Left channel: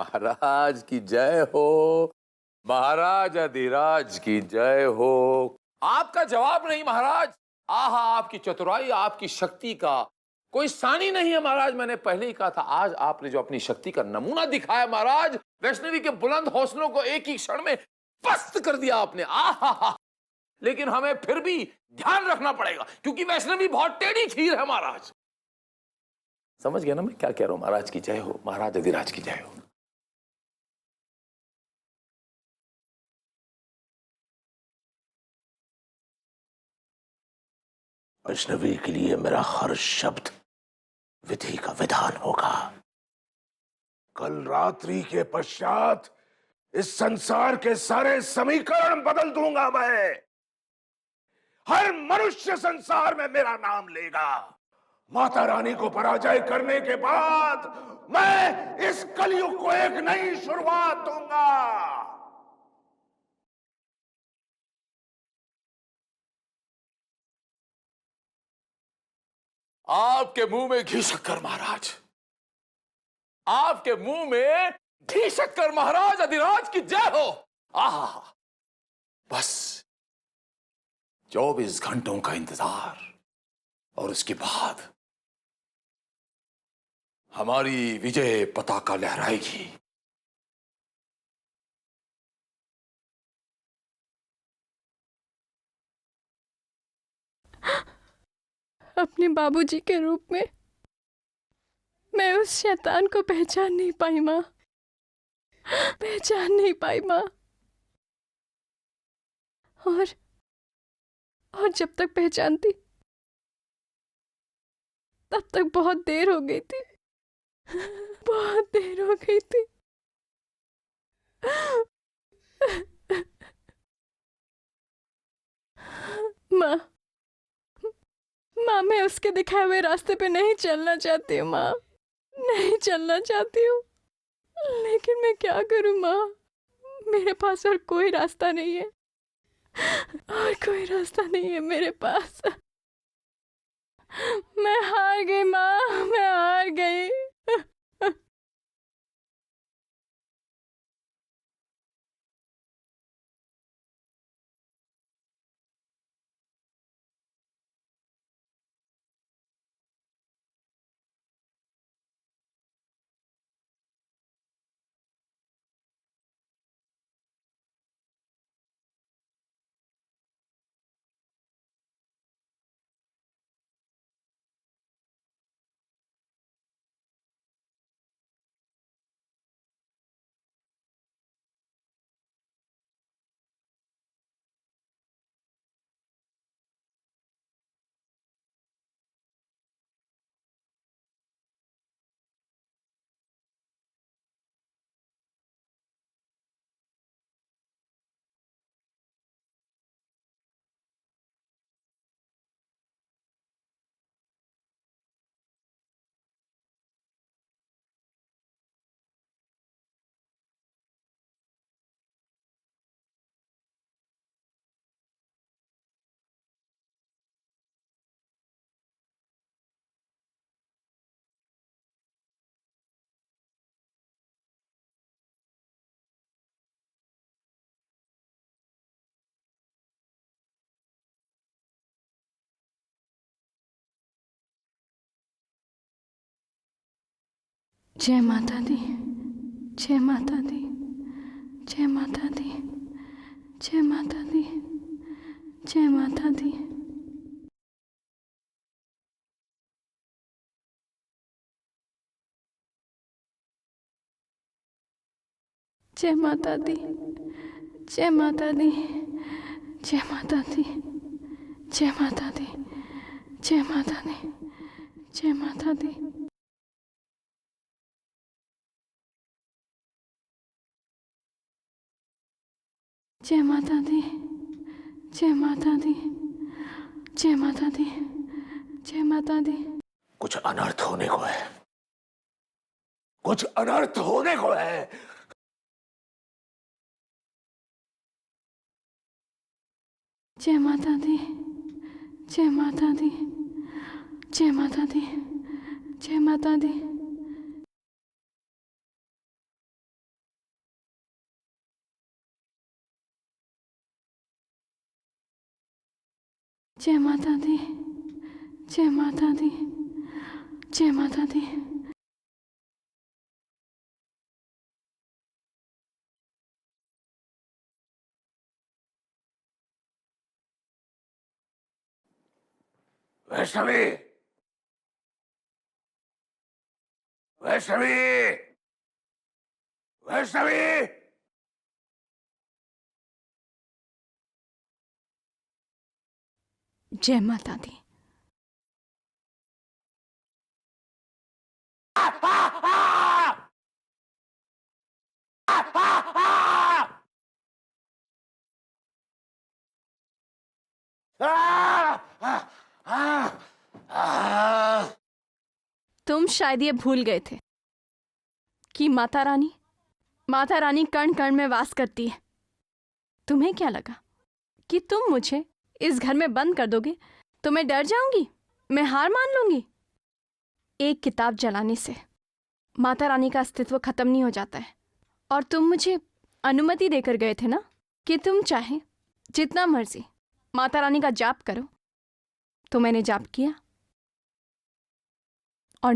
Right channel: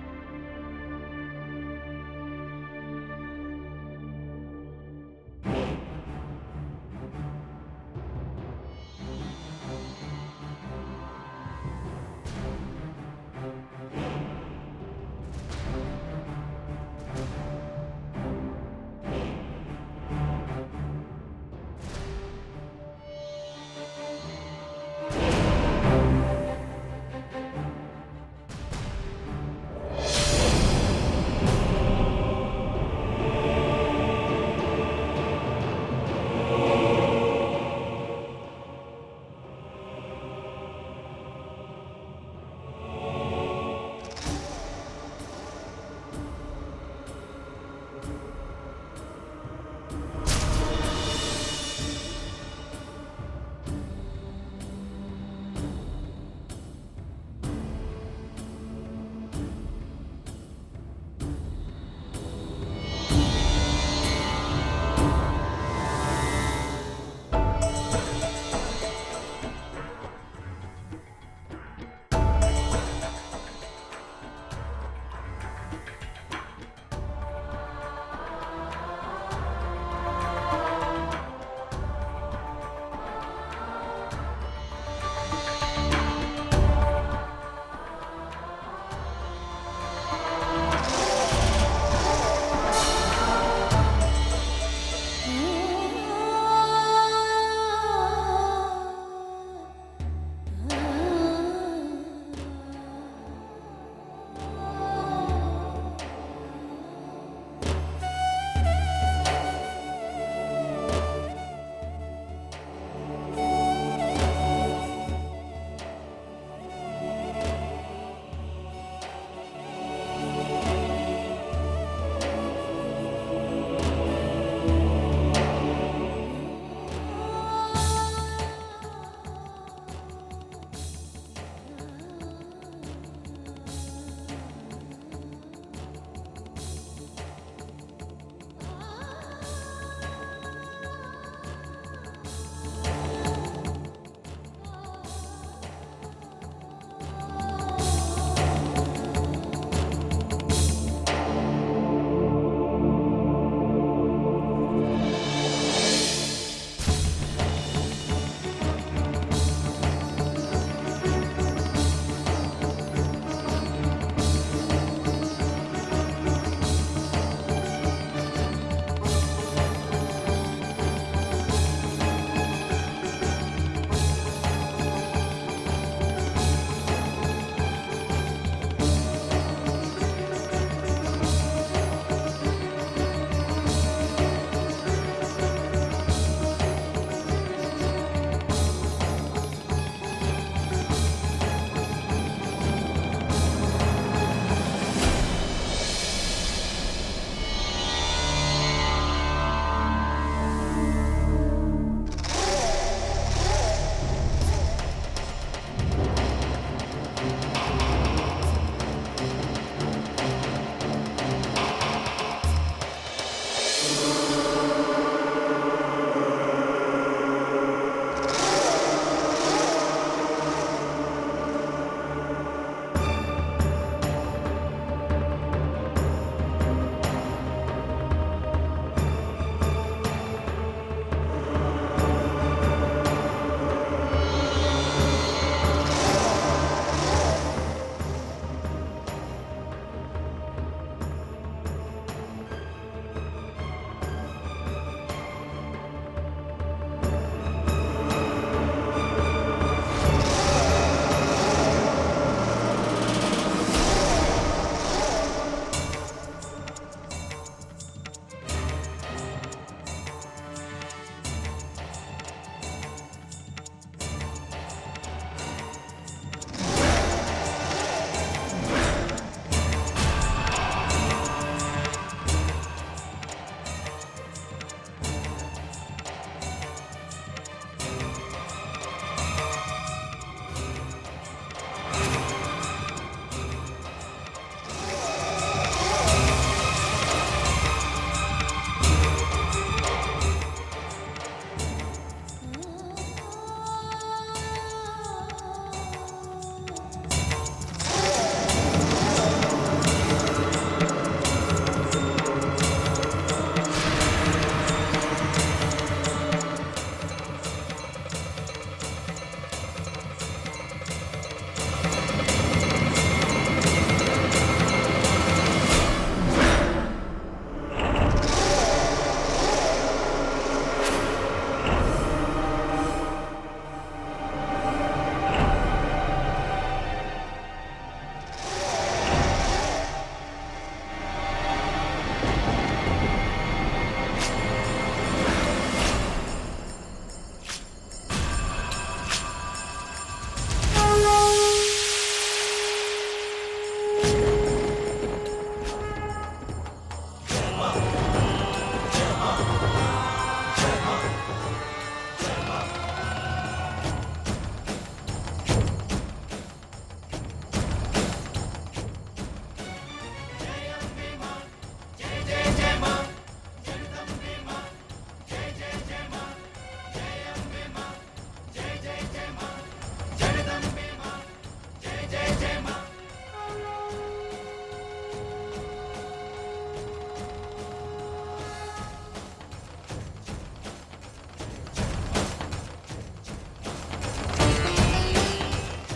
महाराज की जय हो, महाराज अधिराज की जय हो। आपका जवाब नहीं महाराज। आहा, आपकी चतुराई, आपकी शक्ति का कोई सानी नहीं है महाराज। मैंने पहले ही कहा था, आज आपने जो अपनी शक्ति का नमूना दिखाया महाराज, वैष्णवी के बुलंद हौसलों को एक ही क्षण में पस्त कर दिया आपने। आहा, लेकिन हमें फिर भी ध्यान रखना पड़ेगा, क्योंकि वैष्णवी बहुत टेढ़ी खीर है महाराज। समझ गया ना मैं क्या कह रहा हूं? महाराज की जय हो, महाराज अधिराज की जय हो। वैष्णवी के लिए मेरा हर शब्द विधि का विधान होगा। कल रात्रि के पश्चात इस संसार के सारे समीकरण बदल दूंगा मैं। हर मनुष्य संसार में मेरा नाम लेगा। माता रानी को पराजय करने के बाद मैं इस कलयुग को एक नई शुरुआत दूंगा। आपके मुंह में घी शक्कर महाराज, आपके मुंह में घी शक्कर महाराज अधिराज की जय हो। आहा, बस 24 घंटों का इंतजार और उसके बाद हमारी विजय पताका लहराएगी। अपने बाबूजी के रूप में मैं उस शैतान को पहचान नहीं पाई माँ, पहचान नहीं पाई माँ। और जब तक पहचानती तब तक बहुत देर हो गई थी, बहुत देर हो गई थी। माँ, माँ मैं उसके दिखाए हुए रास्ते पे नहीं चलना चाहती हूँ माँ, नहीं चलना चाहती हूँ, लेकिन मैं क्या करूँ माँ? मेरे पास और कोई रास्ता नहीं है, और कोई रास्ता नहीं है मेरे पास। मैं हार गई माँ, मैं हार गई। जय माता दी, जय माता दी, जय माता दी, जय माता दी, जय माता दी। जय माता दी, जय माता दी, जय माता दी, जय माता दी, जय माता दी, जय माता दी। जय माता दी, जय माता दी, जय माता दी, जय माता दी। कुछ अनर्थ होने को है, कुछ अनर्थ होने को है। जय माता दी, जय माता दी, जय माता दी, जय माता दी। जय माता दी। वैष्णवी, वैष्णवी, वैष्णवी, जय माता दी। तुम शायद ये भूल गए थे कि माता रानी कण कण में वास करती है। तुम्हें क्या लगा कि तुम मुझे इस घर में बंद कर दोगे तो मैं डर जाऊंगी, मैं हार मान लूंगी? एक किताब जलाने से माता रानी का अस्तित्व खत्म नहीं हो जाता है। और तुम मुझे अनुमति देकर गए थे ना कि तुम चाहे जितना मर्जी माता रानी का जाप करो। तो मैंने जाप किया और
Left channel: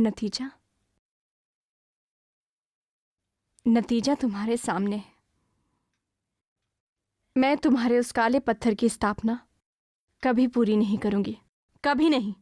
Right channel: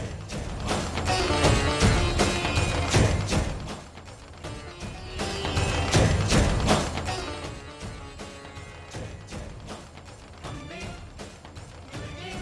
नतीजा तुम्हारे सामने। मैं तुम्हारे उस काले पत्थर की स्थापना कभी पूरी नहीं करूंगी, कभी नहीं।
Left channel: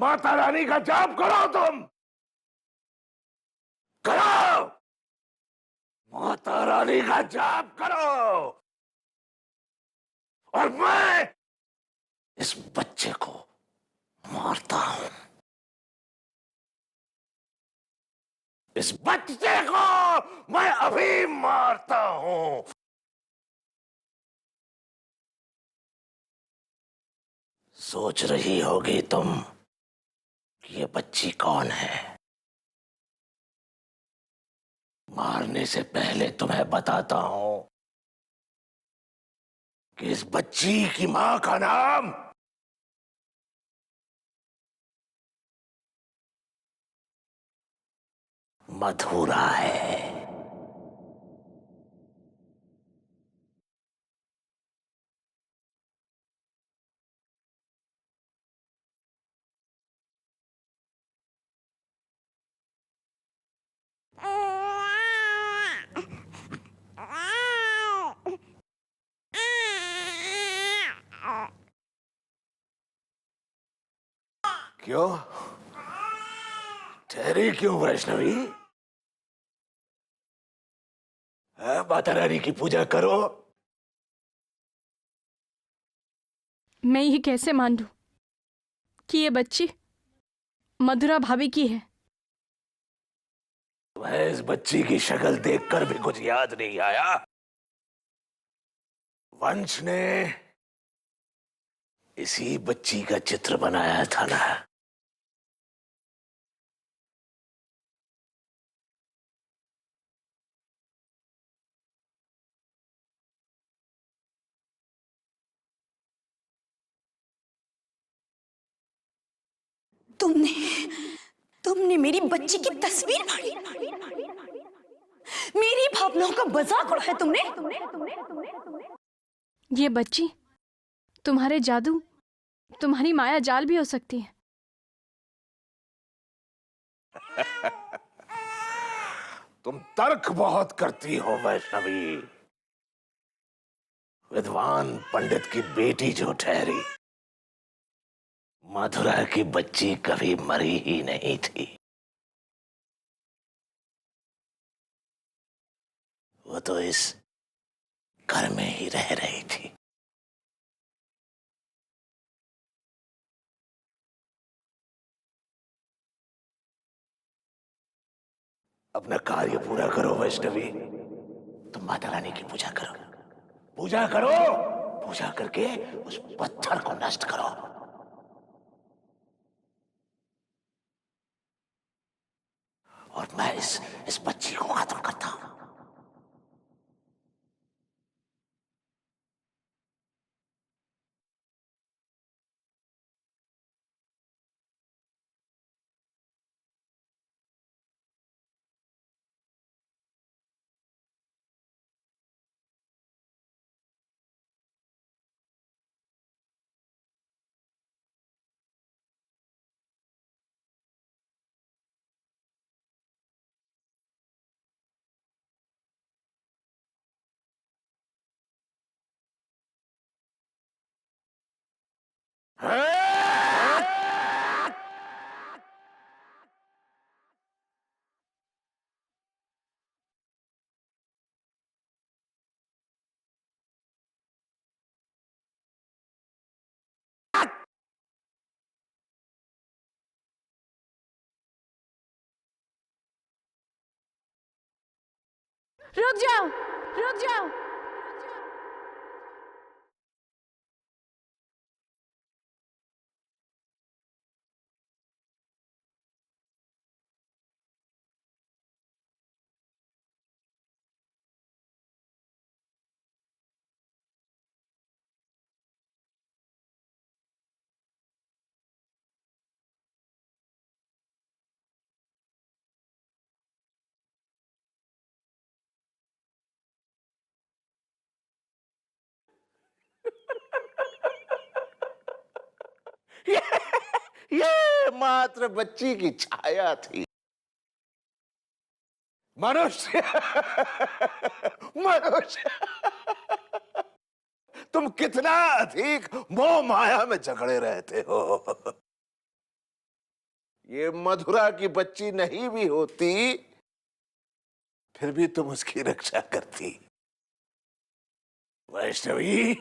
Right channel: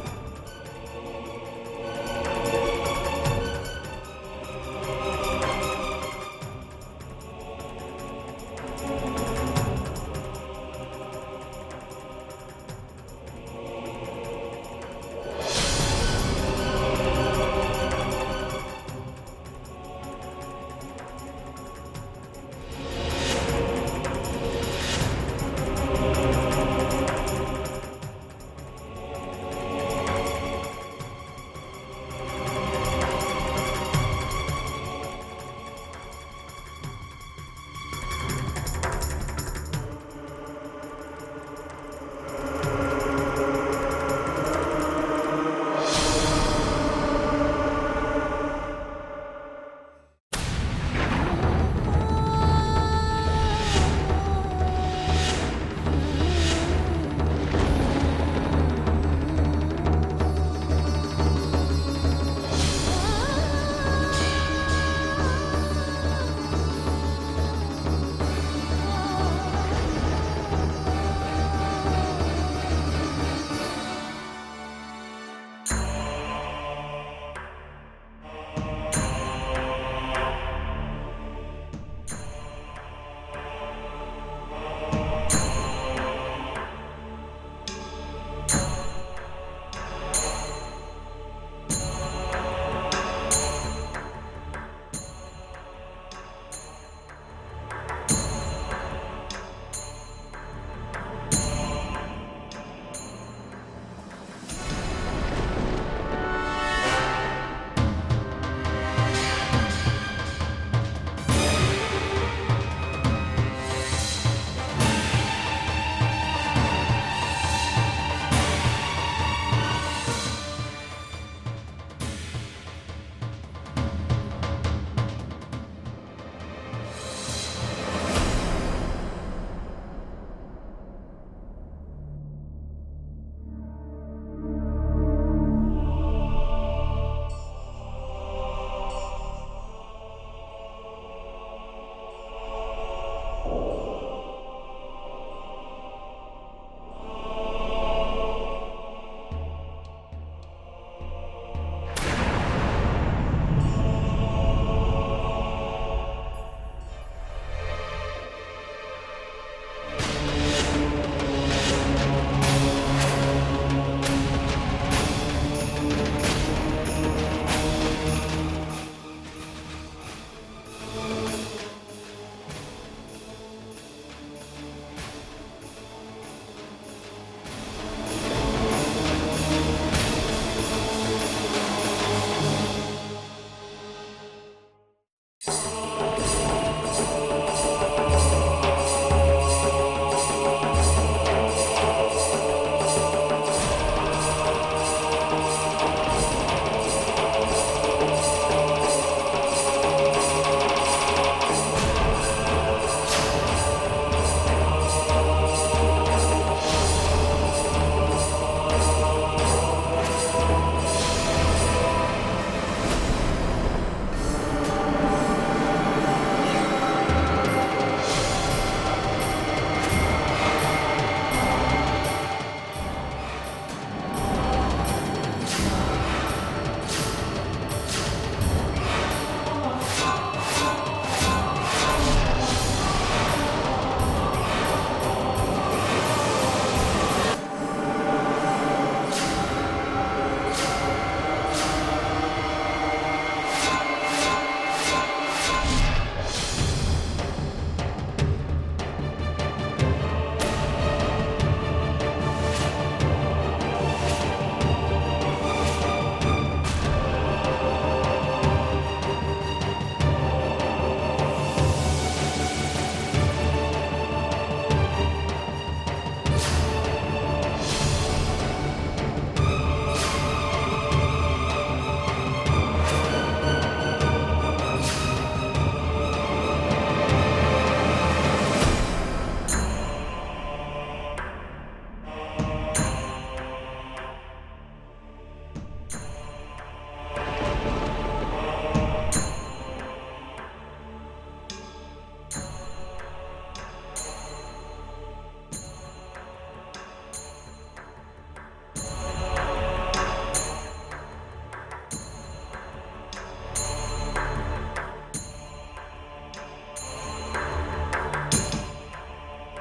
माता रानी का जाप करो तुम, करो। माता रानी का जाप करो और मैं इस बच्चे को मारता हूं। इस बच्चे को मैं अभी मारता हूं। सोच रही होगी तुम ये बच्ची कौन है। मारने से पहले तुम्हें बताता हूं कि इस बच्ची की मां का नाम मथुरा है। डरी क्यों वैष्णवी? माता रानी की पूजा करो। मैं ये कैसे मान लूं कि ये बच्ची मधुरा भाभी की है? मैं इस बच्ची की शक्ल देखकर भी कुछ याद नहीं आया। पंच ने इसी बच्ची का चित्र बनाया था ना। तुमने मेरी बच्ची की तस्वीर फाड़ी, मेरी भावनाओं का मजाक उड़ाया तुमने। ये बच्ची तुम्हारे जादू, तुम्हारी माया जाल भी हो सकती है। तुम तर्क बहुत करती हो वैष्णवी। विद्वान पंडित की बेटी जो ठहरी, मथुरा की बच्ची कभी मरी ही नहीं थी। वो तो इस घर में ही रह रही थी। अपना कार्य पूरा करो वैष्णवी। तुम माता रानी की पूजा करो, पूजा करो। पूजा करके उस पत्थर को नष्ट करो। और मैं इस बच्ची को खत्म करता हूं। रुक जाओ, रुक जाओ। ये मात्र बच्ची की छाया थी। मनुष्य मनुष्य, तुम कितना अधिक मोह माया में जकड़े रहते हो। ये मधुरा की बच्ची नहीं भी होती, फिर भी तुम उसकी रक्षा करती। वैष्णवी,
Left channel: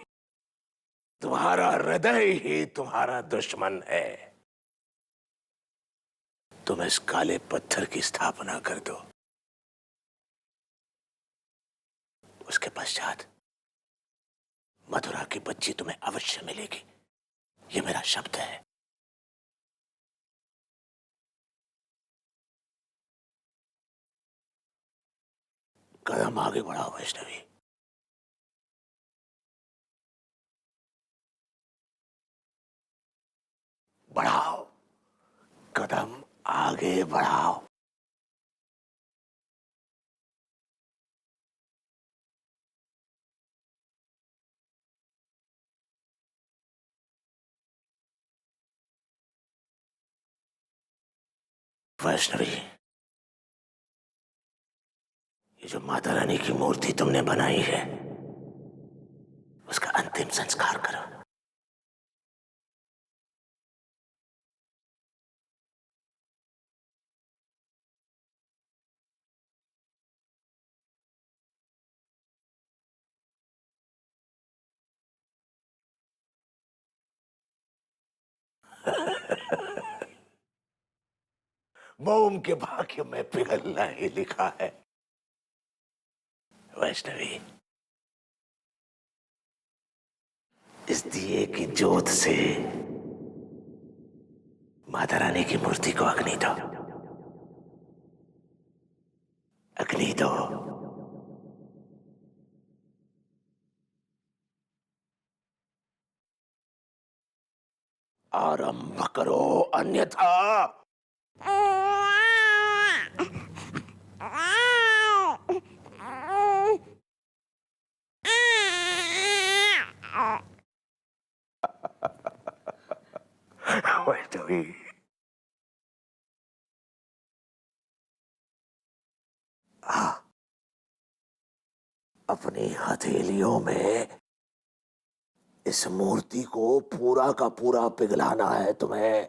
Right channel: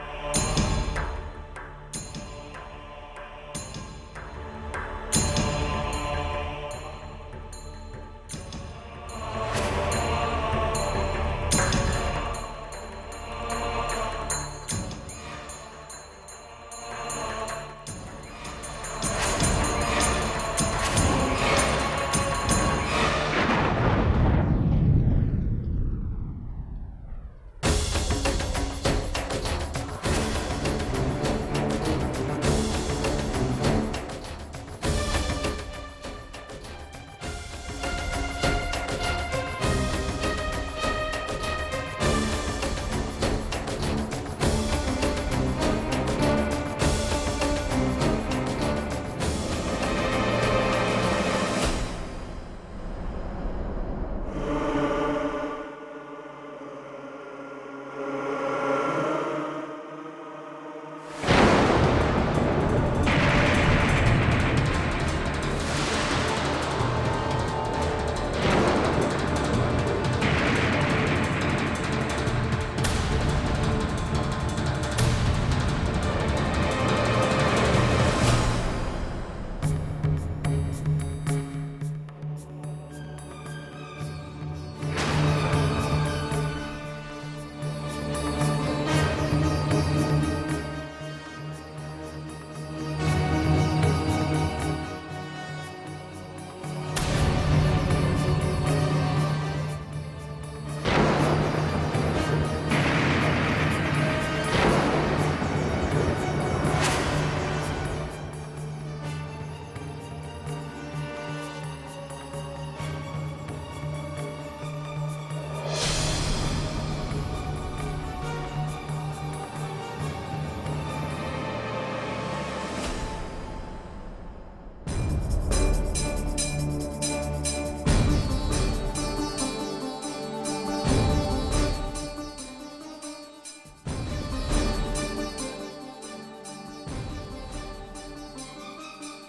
तुम्हारा हृदय ही तुम्हारा दुश्मन है। तुम इस काले पत्थर की स्थापना कर दो। उसके पश्चात मथुरा की बच्ची तुम्हें अवश्य मिलेगी। ये मेरा शब्द है। कदम आगे बढ़ाओ वैष्णवी। बढ़ाओ कदम, आगे बढ़ाओ। वैष्णवी, जो माता रानी की मूर्ति तुमने बनाई है, उसका अंतिम संस्कार करो। के भाग्य में पिघलना ही लिखा है। वैष्णवी, इस दिए की ज्योत से माता रानी की मूर्ति को अग्नि दो, अग्नि दो। आरंभ करो, अन्यथा वैष्णवी, अपनी हथेलियों में इस मूर्ति को पूरा का पूरा पिघलाना है तुम्हें।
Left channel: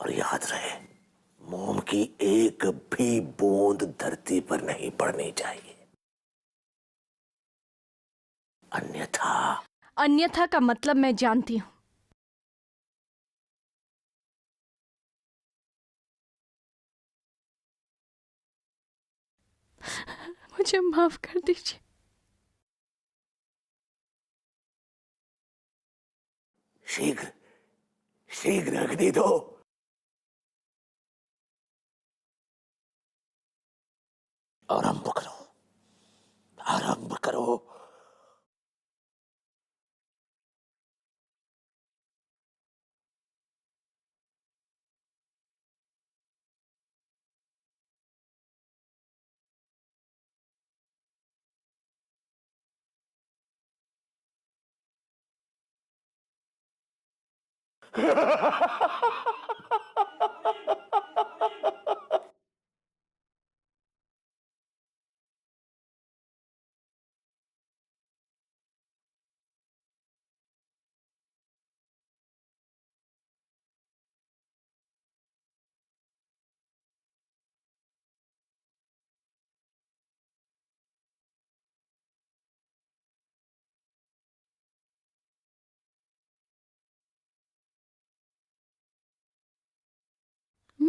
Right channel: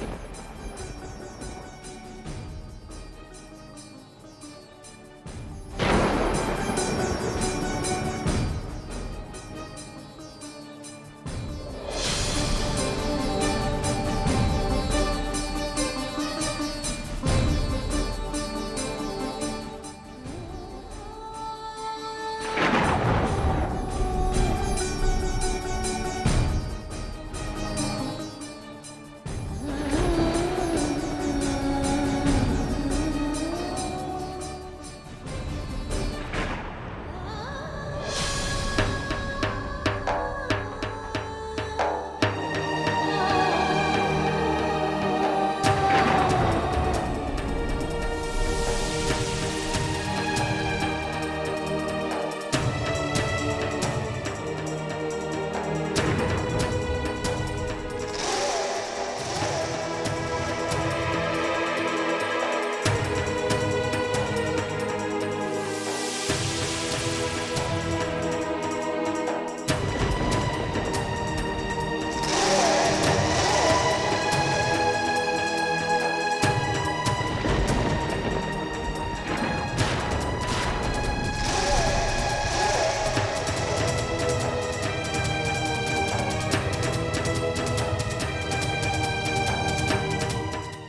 और याद रहे, मोम की एक भी बूंद धरती पर नहीं पड़नी चाहिए, अन्यथा का मतलब मैं जानती हूँ। मुझे माफ कर दीजिए। शीघ्र शीघ्र अग्नि दो। आरंभ करो, आरंभ करो।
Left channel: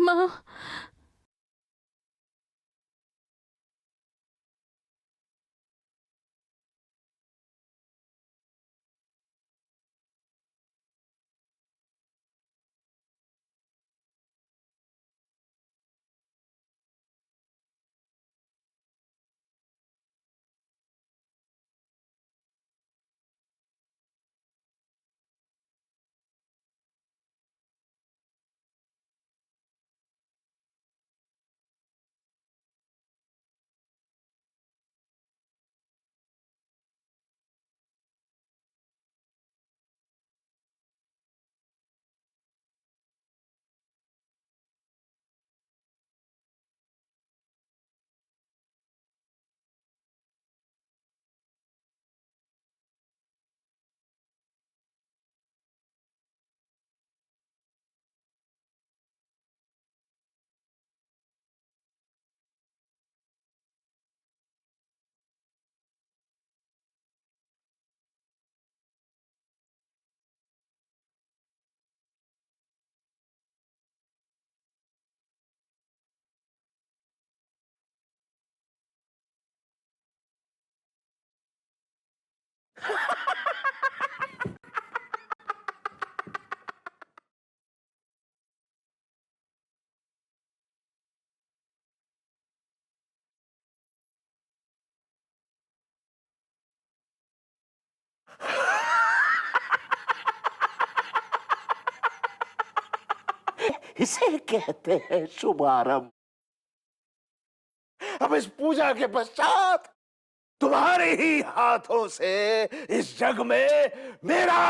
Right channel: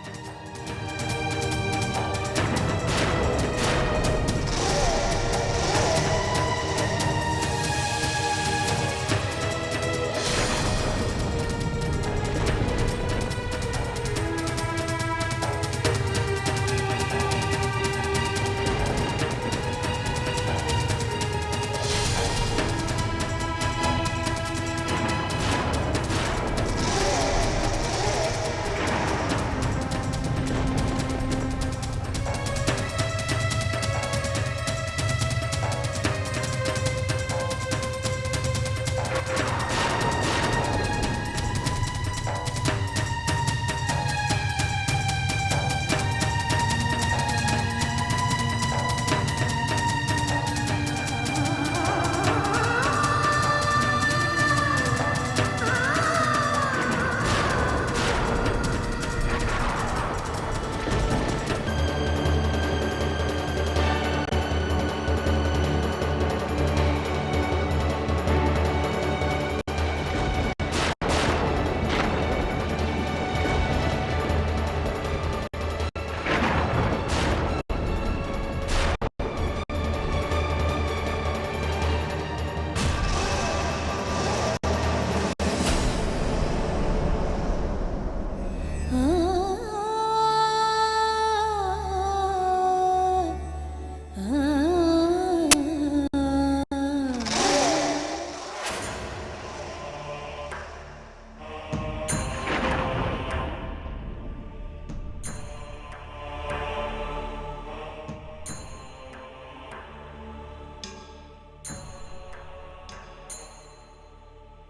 माँ, इसे कहते हैं शुभारंभ। अब इस पूजा के पश्चात तुम्हारे ही हाथों से इस जग में मेरा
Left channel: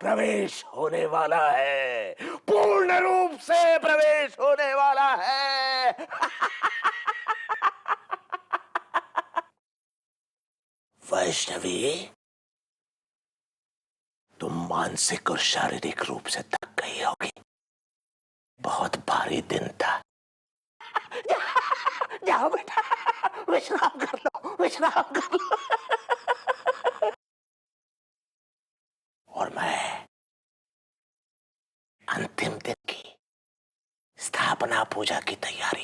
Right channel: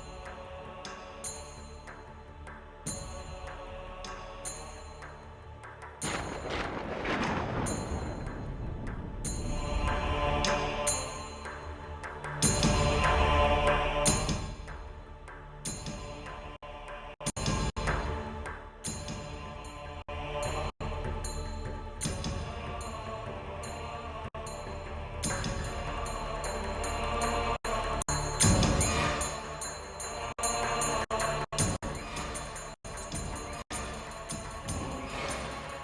प्रवेश होने वाला है, पूर्ण रूप से प्रवेश होने वाला है। वैष्णवी, तुम मानसिक और शारीरिक रूप से थक गई होगी, बहुत भारी दिन था। जाओ बेटा, विश्राम कर दो, विश्राम कर दो। और मैं अंतिम दिन की स्थापना पूजा की तैयारी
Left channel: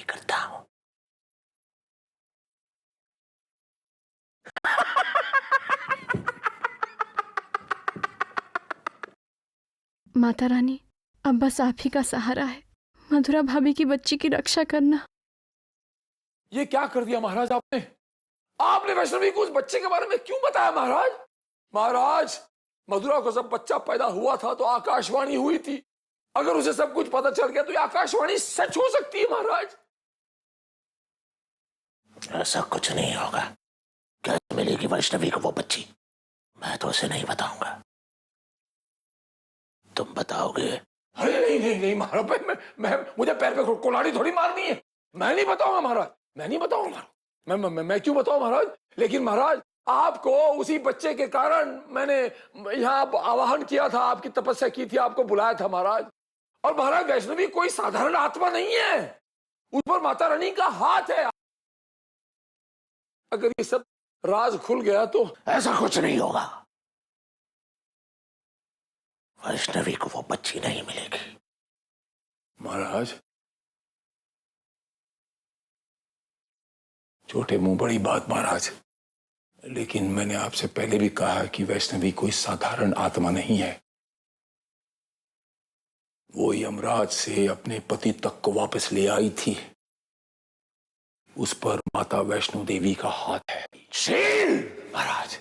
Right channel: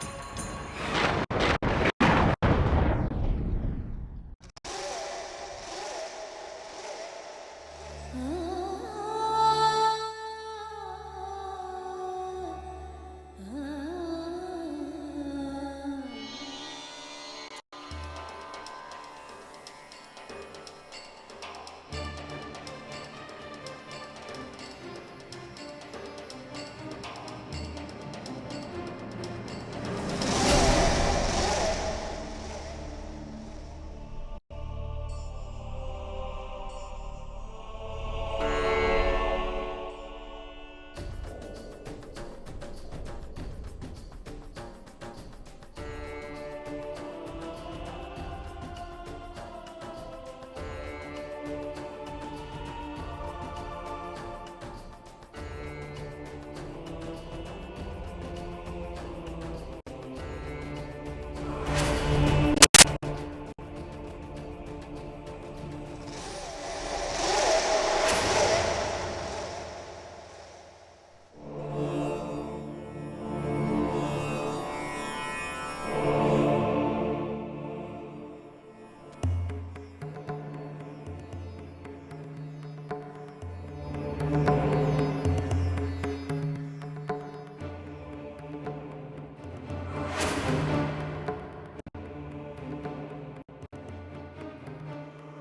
माता रानी, अब बस आप ही का सहारा है। मधुरा भाभी की बच्ची की रक्षा करना। ये क्या कर दिया महाराज आपने? आपने वैष्णवी को उस बच्चे के बारे में क्यों बताया महाराज? महाराज, मधुरा को जब बच्चा पैदा हुआ था तो आकाशवाणी हुई थी। अगर उसे सब कुछ पता चल गया तो ये आकाशवाणी सच हो सकती है महाराज। ऐसा कुछ नहीं होगा। कैसे मिलेगी वैष्णवी को वो बच्ची? मैं तो उसे नहीं बताऊंगा। तुम बताओगे? अरे नहीं नहीं नहीं महाराज, मैं मुझे पैर पे कुल्हाड़ी थोड़ी मारनी है। मैं नहीं बताऊंगा महाराज, मैं नहीं बताऊंगा। मैं क्यों बताऊं महाराज? लेकिन महाराज, आपको उसी बच्चे के कारण मैंने यहाँ आवाहन किया था, आपकी तपस्या की थी, आपको बुलाया था महाराज। और महाराज, वैष्णवी कोई साधारण आत्मा नहीं है, उस पर माता रानी का हाथ है। अगर ये सब राज खुल गया तो ऐसा कुछ नहीं होगा। वैष्णवी को वो बच्ची नहीं मिलेगी। महाराज, छोटे मुंह बड़ी बात महाराज, लेकिन मैंने आपसे पहले भी कहा कि वैष्णवी कोई साधारण आत्मा नहीं है। वो यमराज से अपने पति तक को वापस ले आई थी। उस पर माता वैष्णो देवी का हाथ है। शील! महाराज,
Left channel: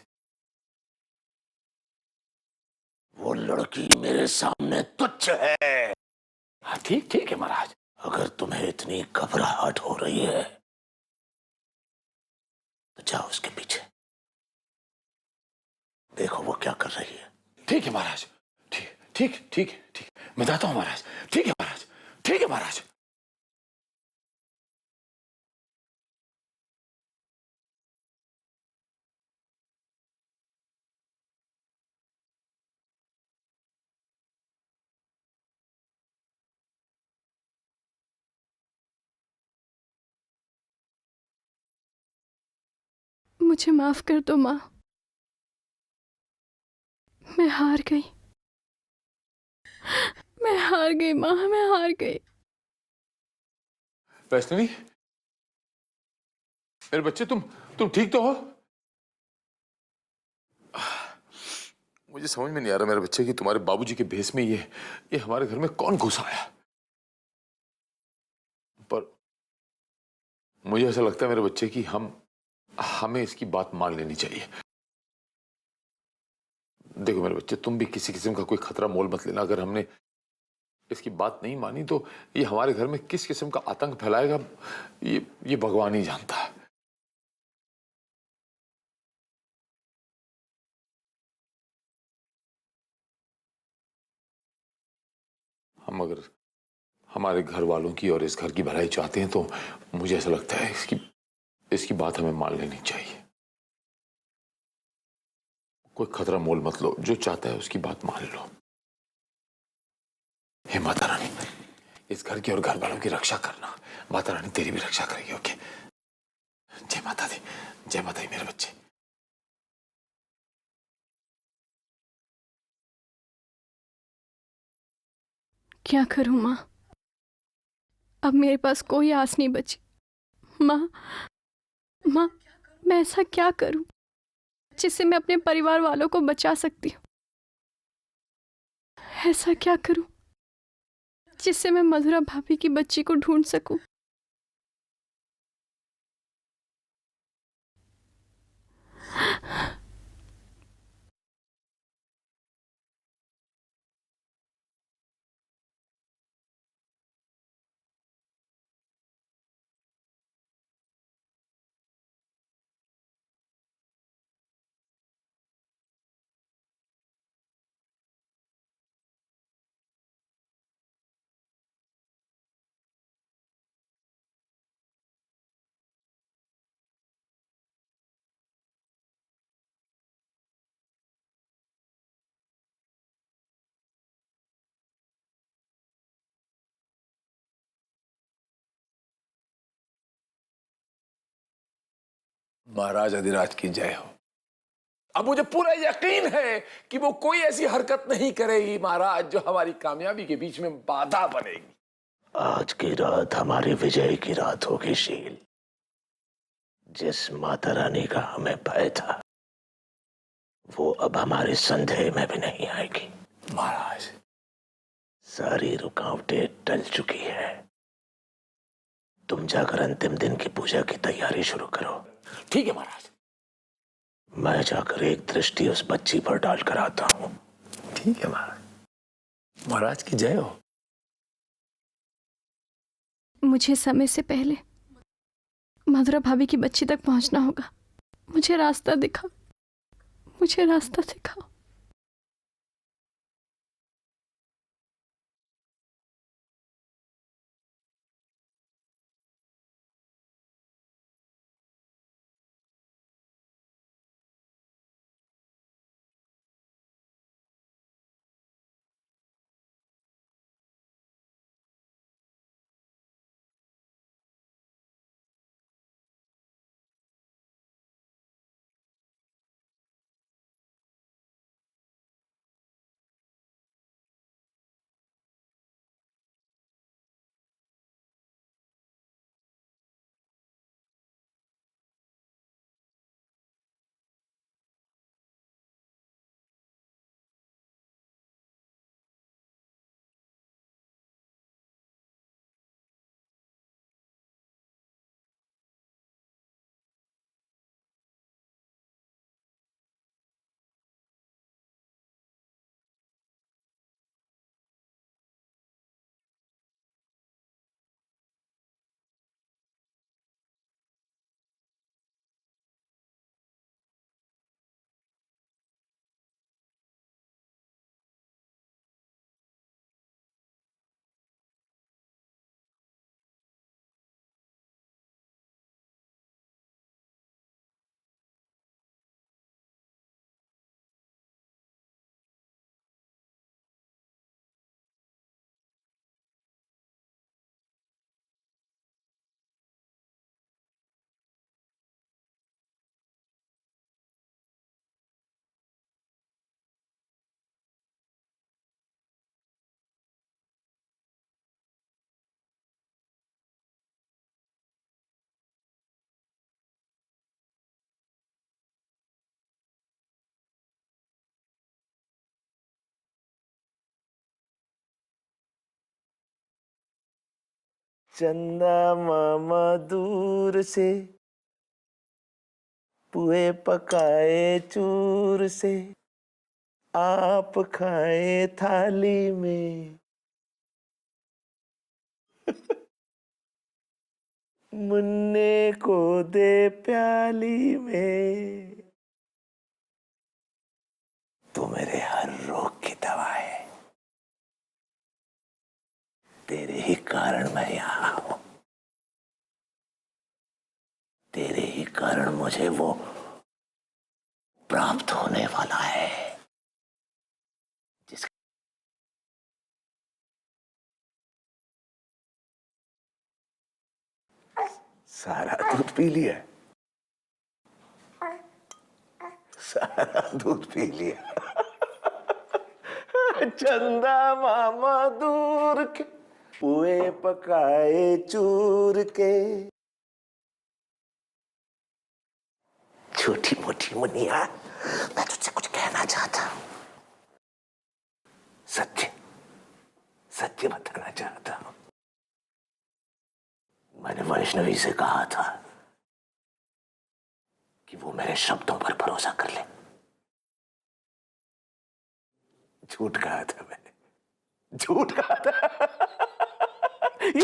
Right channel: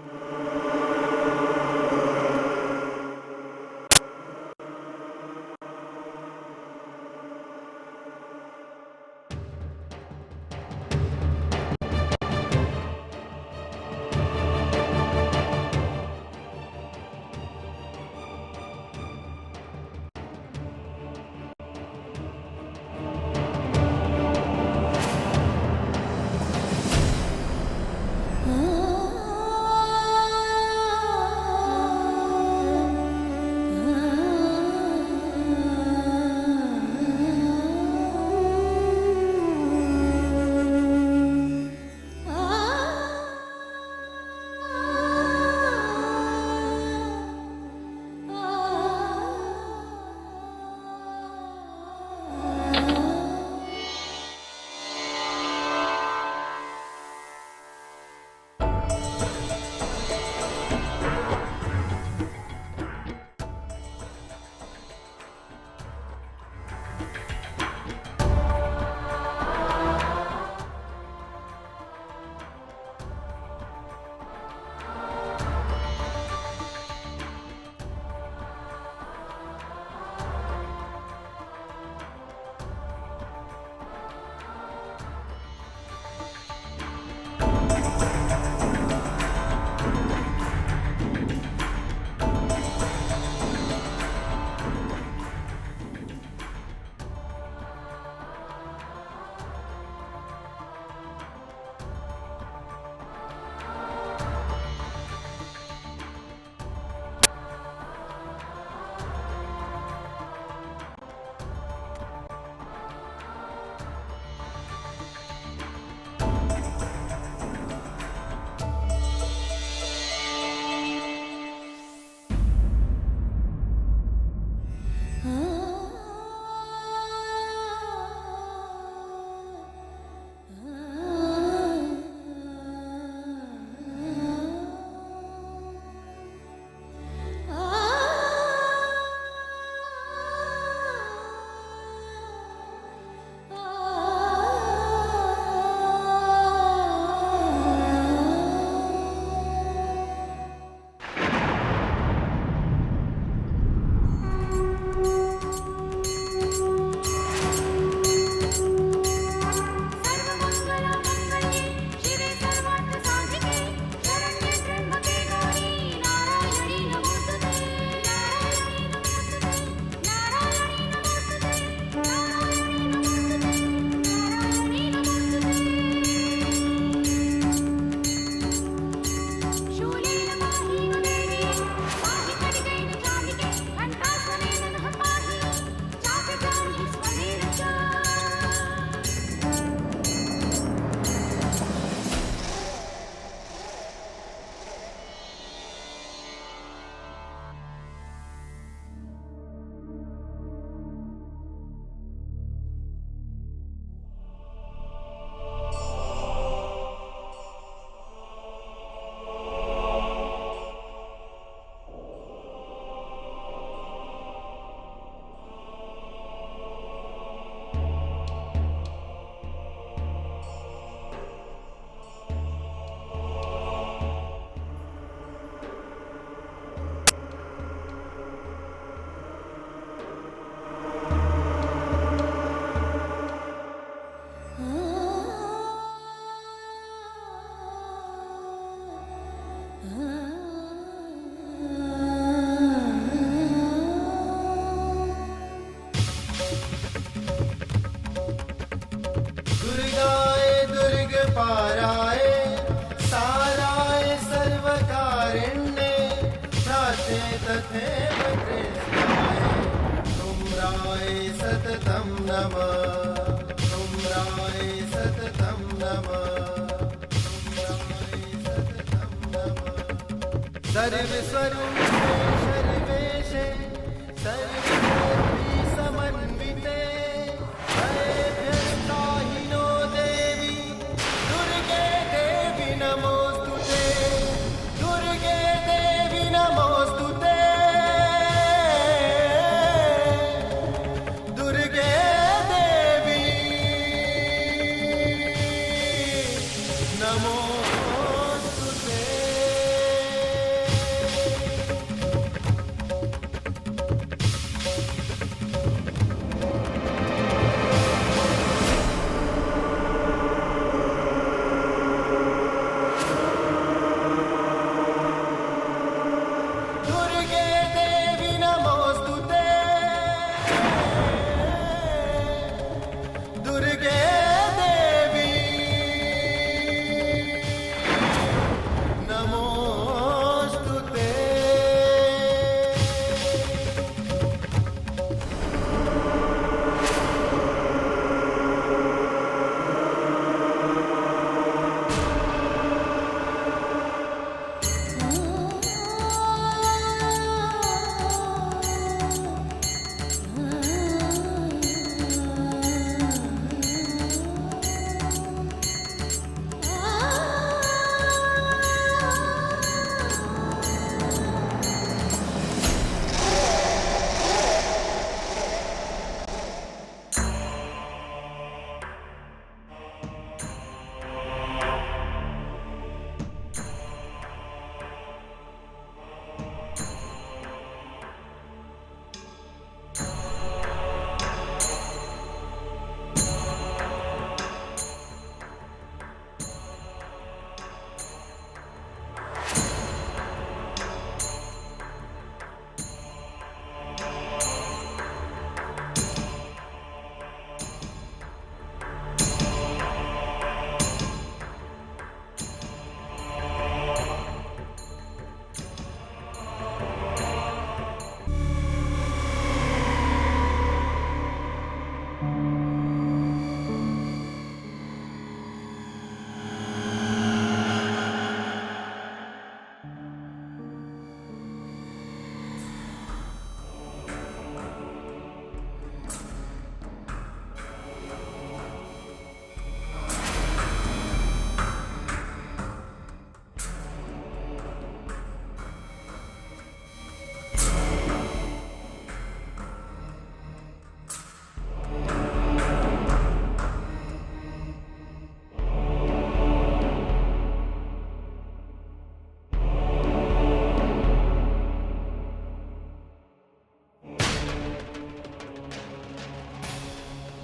वो लड़की मेरे सामने तुच्छ है। हाँ, ठीक ठीक है महाराज। अगर तुम्हें इतनी घबराहट हो रही है, जाओ उसके पीछे, देखो वो क्या कर रही है। ठीक है महाराज, ठीक ठीक ठीक है, ठीक, मैं जाता हूँ महाराज। ठीक है महाराज, ठीक है महाराज। मुझे माफ कर दो माँ, मैं हार गई। मैं हार गई माँ, मैं हार गई। वैष्णवी, मेरे बच्चे, तुम ठीक तो हो? मुझे समझ में नहीं आ रहा मेरे बच्चे कि तुम्हारे बाबूजी के भेष में ये हमारे घर में कौन घुस आया। पर मुझे ऐसा लगता है मेरे बच्चे कि हमें इसकी बात मान लेनी चाहिए। देखो मेरे बच्चे, तुम भी किसी किस्म का कोई खतरा मोल मत लेना। अगर हमने इसकी बात नहीं मानी तो ये हमारे घर में किस किस्म का आतंक फैलाएगा, ये भगवान ही जानता है। हम अगर हमारे घर वालों की और इस घर की भलाई चाहते हैं तो मुझे ऐसा लगता है इसकी बात हमें मान लेनी चाहिए। कोई खतरा मोल मत लो, जो चाहता है उसकी बात मान लो। हे माता रानी, इस घर की और घर वालों की रक्षा करना। माता रानी तेरी भी रक्षा करेगी। ओके? जय माता दी, जय माता दी मेरे बच्चे। क्या करूं माँ, अब मेरे पास कोई आस नहीं बची। माँ, मैं ऐसा क्या करूं जिससे मैं अपने परिवार वालों को बचा सकती हूँ? ऐसा क्या करूं जिससे मैं मधुरा भाभी की बच्ची को ढूंढ सकूं? महाराज अधिराज की जय हो। अब मुझे पूरा यकीन है कि वो कोई ऐसी हरकत नहीं करेगी महाराज जो हमारी कामयाबी के बीच में बाधा बनेगी। आज की रात हमारी विजय की रात होगी शील। जिस माता रानी का हमें भय था वो अब हमारे संदेह में भी नहीं आएगी। महाराज, सारी रुकावटें टल चुकी है। तुम जाकर अंतिम दिन की पूजा की तैयारी शुरू करो। ठीक है महाराज। मैं जाकर एक दृष्टि उस बच्ची पर डालकर आता हूँ। ठीक है महाराज। महाराज की जय हो। मुझे समय से पहले मधुरा भाभी की बच्ची तक पहुंचना होगा। मुझे रास्ता दिखाओ, मुझे रास्ता दिखाओ। दुर्गाय दुर्ग पाराय साराय सर्वकारिण्ये प्राचे तथैव कृष्णाय तुम्राय सततं नमः तुम्राय सततं नमः तुम्राय सततं नमः सर्वस्वरूपे सर्वेशे सर्वशक्ति समन्विते भयभ्यस्त्राहिनो देवी दुर्गे देवी नमोस्तुते दुर्गे देवी नमोस्तुते दुर्गे देवी नमोस्तुते। दुर्गे देवी नमोस्तुते दुर्गे देवी नमोस्तुते। चंदा मामा दूर से पुए पकाए चूर से आप खाए थाली में। मुन्ने को दे प्याली में। तू मेरे हर रोग की दवा है। तेरे ही कारण मैं यहाँ हूँ। तेरे ही कारण मुझे वो प्राप्त होने वाला है। सारा दूध पी लिया। सारा दूध पी लिया। चंदा मामा दूर के पुए पकाए चूर के। छोटी मोटी मुनिया, मैं तुझसे कुछ कहना चाहता हूं। सत्य सत्य बताना चाहता हूं। मैंने वैष्णवी से कहा था कि वो मेरे शब्दों पर भरोसा कर ले। झूठ कहा था मैंने, झूठ कहा था।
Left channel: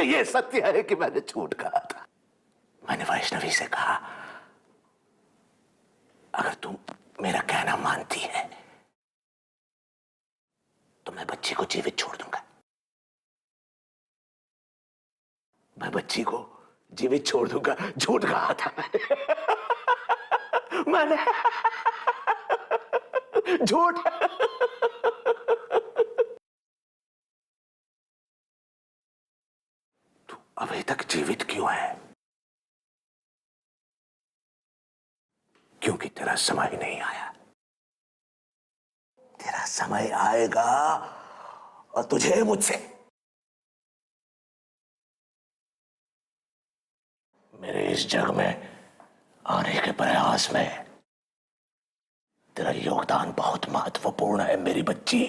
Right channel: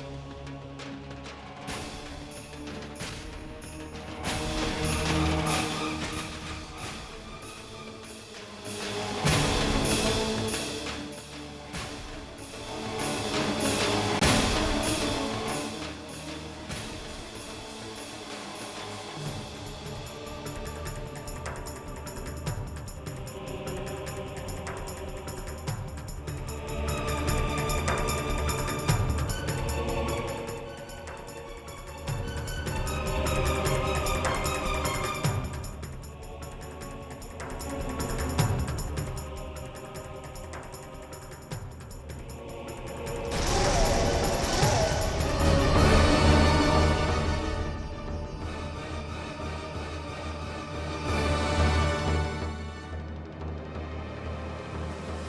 ये सत्य है कि मैंने झूठ कहा था। मैंने वैष्णवी से कहा, अगर तुम मेरा कहना मानती है तो मैं बच्ची को जीवित छोड़ दूंगा। मैं बच्ची को जीवित छोड़ दूंगा। झूठ कहा था मैंने झूठ। अभी तक जीवित क्यों है? क्योंकि तेरा समय नहीं आया। तेरा समय आएगा और तुझे मुझसे मेरे इस जग में आने के प्रयास में तेरा योगदान बहुत महत्वपूर्ण है मेरी बच्ची।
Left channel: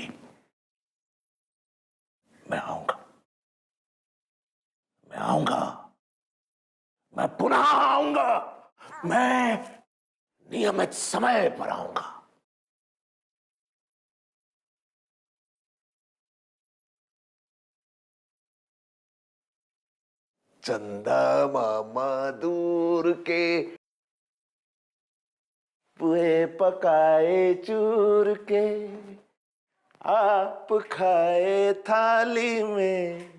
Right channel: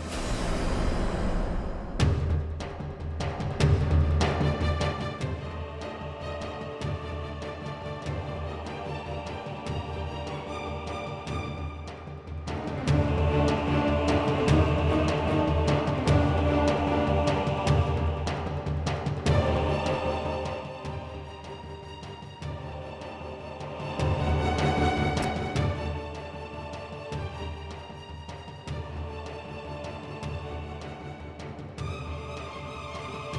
मैं नियमित समय पर आऊंगा। चंदा मामा दूर के पुए पकाए चूर के आप खाए थाली में।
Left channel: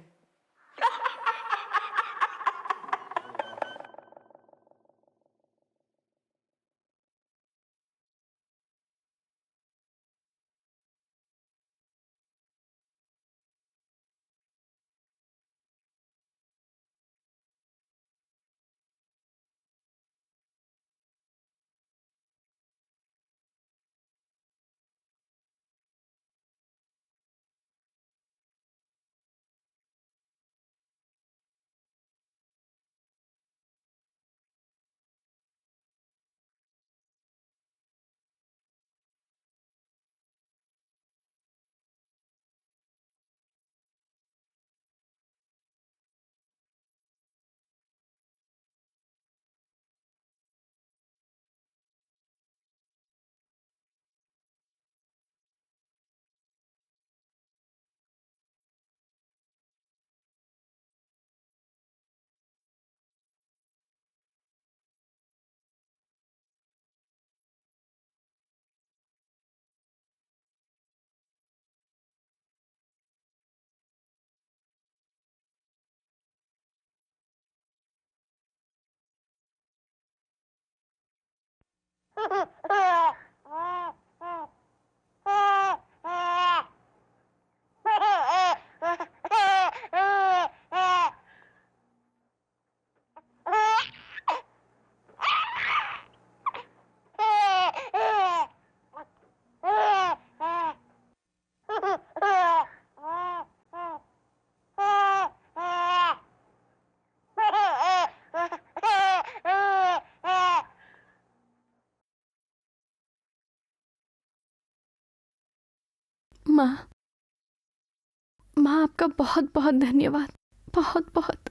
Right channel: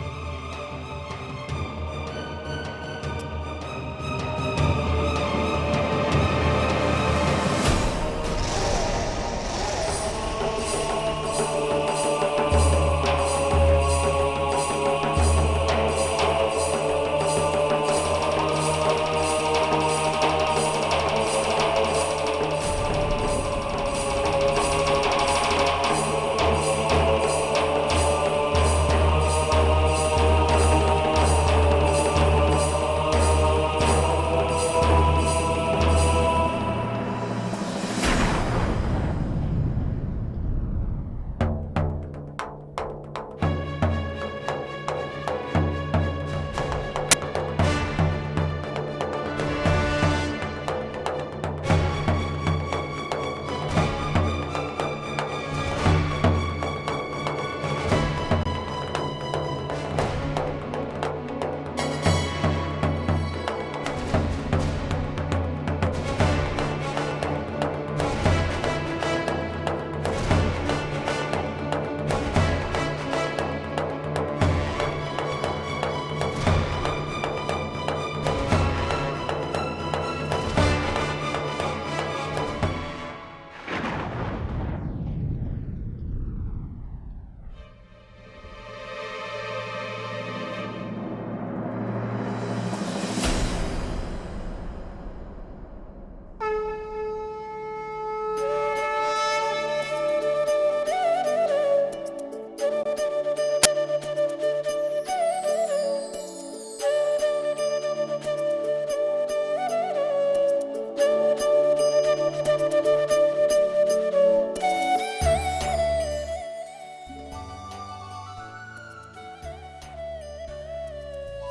माँ आपका बहुत बहुत धन्यवाद, बहुत बहुत।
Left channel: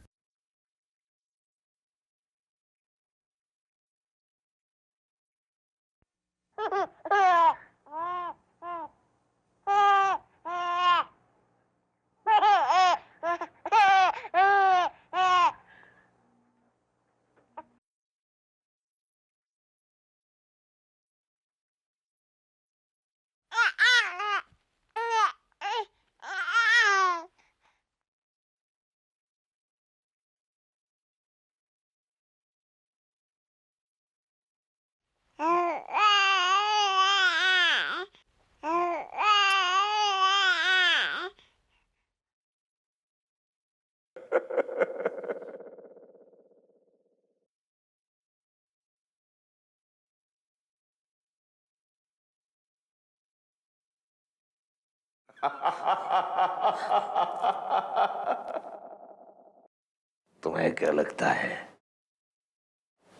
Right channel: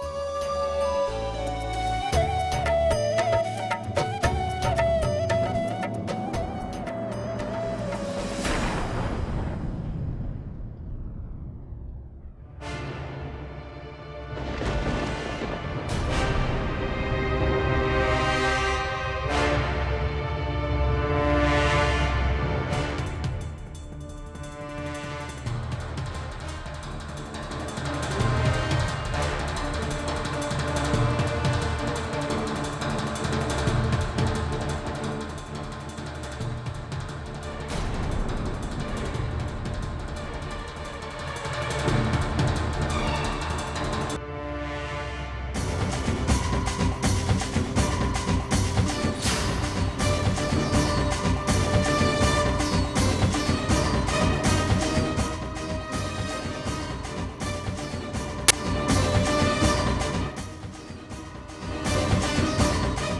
तुम्हें क्या लगता है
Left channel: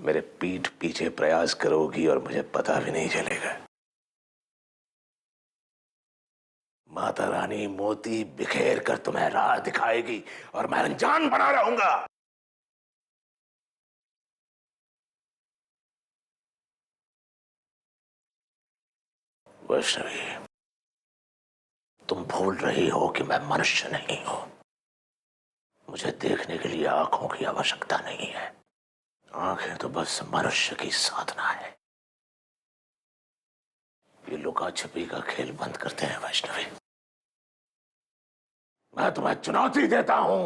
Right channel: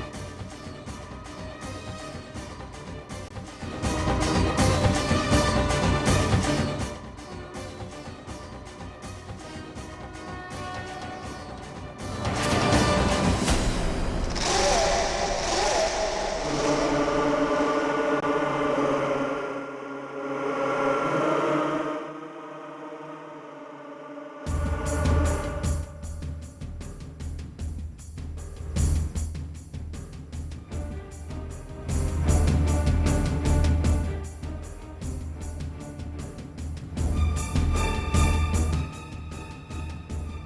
मेरे पीठ पीछे प्रयास करोगी और मुझे पता भी नहीं चलेगा? माता रानी मोती बिखेर कर तुम्हें राह दिखाएगी और मैं अनजान बना रहूंगा। वैष्णवी, तुम भूल रही हो कि मैं मनुष्य नहीं हूं। मुझे देखने के लिए आंखों की आवश्यकता नहीं है। आंखें तो बस मनुष्य की साधना है। ये लुका छिपी का खेल बंद करते हैं वैष्णवी। मैं तुम्हें चुनौती देता हूं,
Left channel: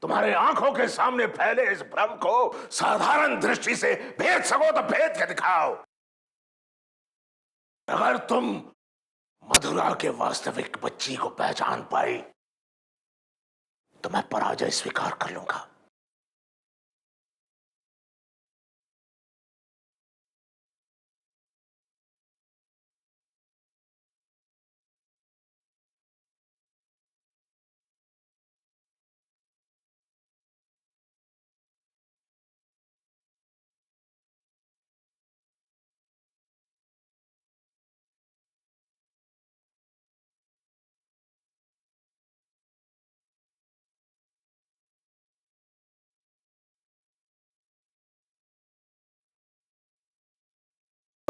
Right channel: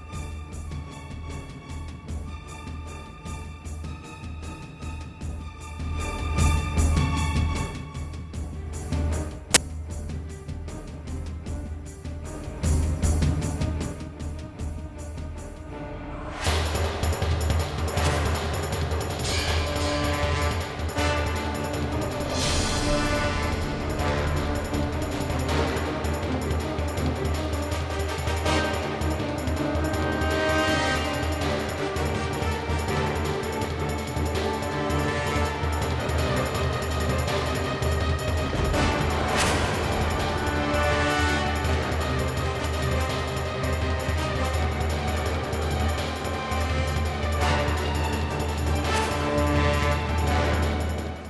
तुम्हारे आंखों के सामने फैले इस भ्रम को साधारण दृष्टि से भेद सको तो भेद के दिखाओ। अगर तुम मथुरा के वास्तविक बच्ची को पहचान पाई तो मैं पराजय स्वीकार कर लूंगा।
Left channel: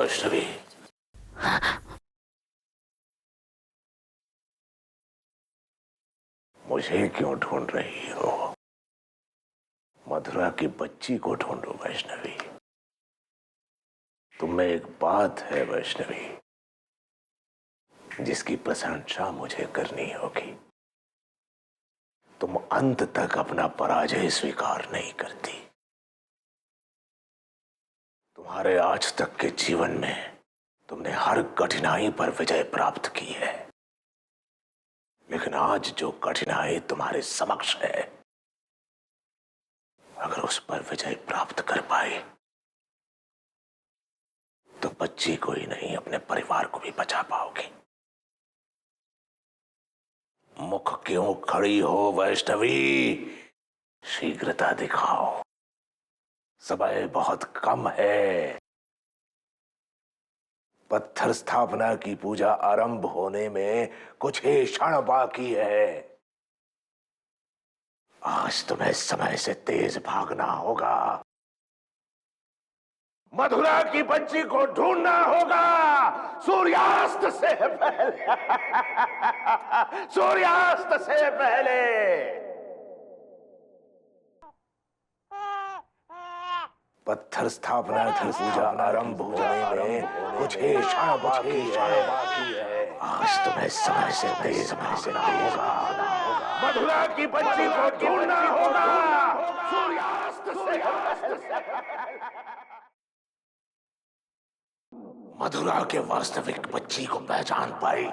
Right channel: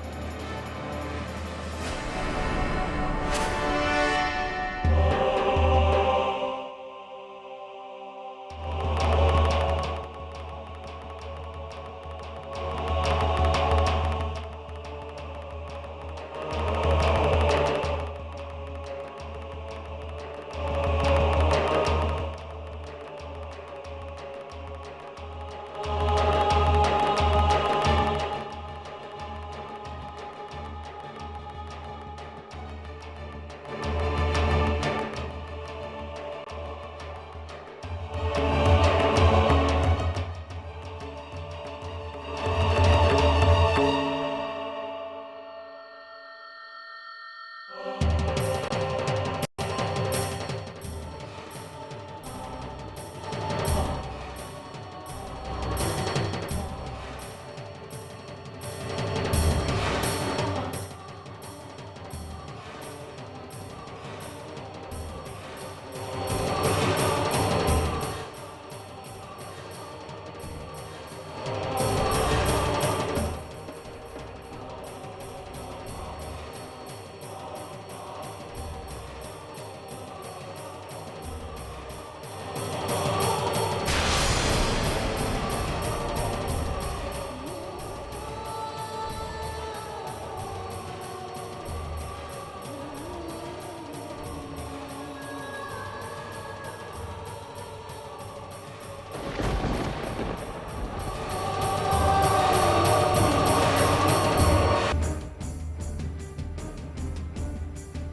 वैष्णवी, मुझे क्यों ढूंढ रही हो? मथुरा की बच्ची को ढूंढो वैष्णवी। तुम्हें एक बात है वैष्णवी, जिसकी प्रशंसा मुझे करनी होगी। तुम अंत तक अपना पराजय स्वीकार नहीं करती। हमारे आज तक के जीवन में तुमने हर कठिनाई पर विजय प्राप्त की है, लेकिन आज जो कठिनाई तुम्हारे समक्ष है, अगर उस पर विजय प्राप्त कर पाए तो बच्ची को ही नहीं अपने परिवार को भी बचा पाओगे। मुख क्यों खड़ी हो वैष्णवी? शीघ्रता दिखाओ, समय बहुत कम है। पत्थर स्थापना की पूजा आरंभ होने में कुछ ही क्षण बाकी है। आज तुम्हें समय से तेज भागना होगा। मथुरा की बच्ची को ढूंढना होगा सूर्यास्त से पहले। सूर्यास्त से पहले। पत्थर स्थापना की पूजा आरंभ होने में कुछ ही क्षण बाकी है। आज तुम्हें समय से तेज भागना होगा। मथुरा की बच्ची को ढूंढना होगा। मथुरा के वास्तविक बच्ची को पहचान पाई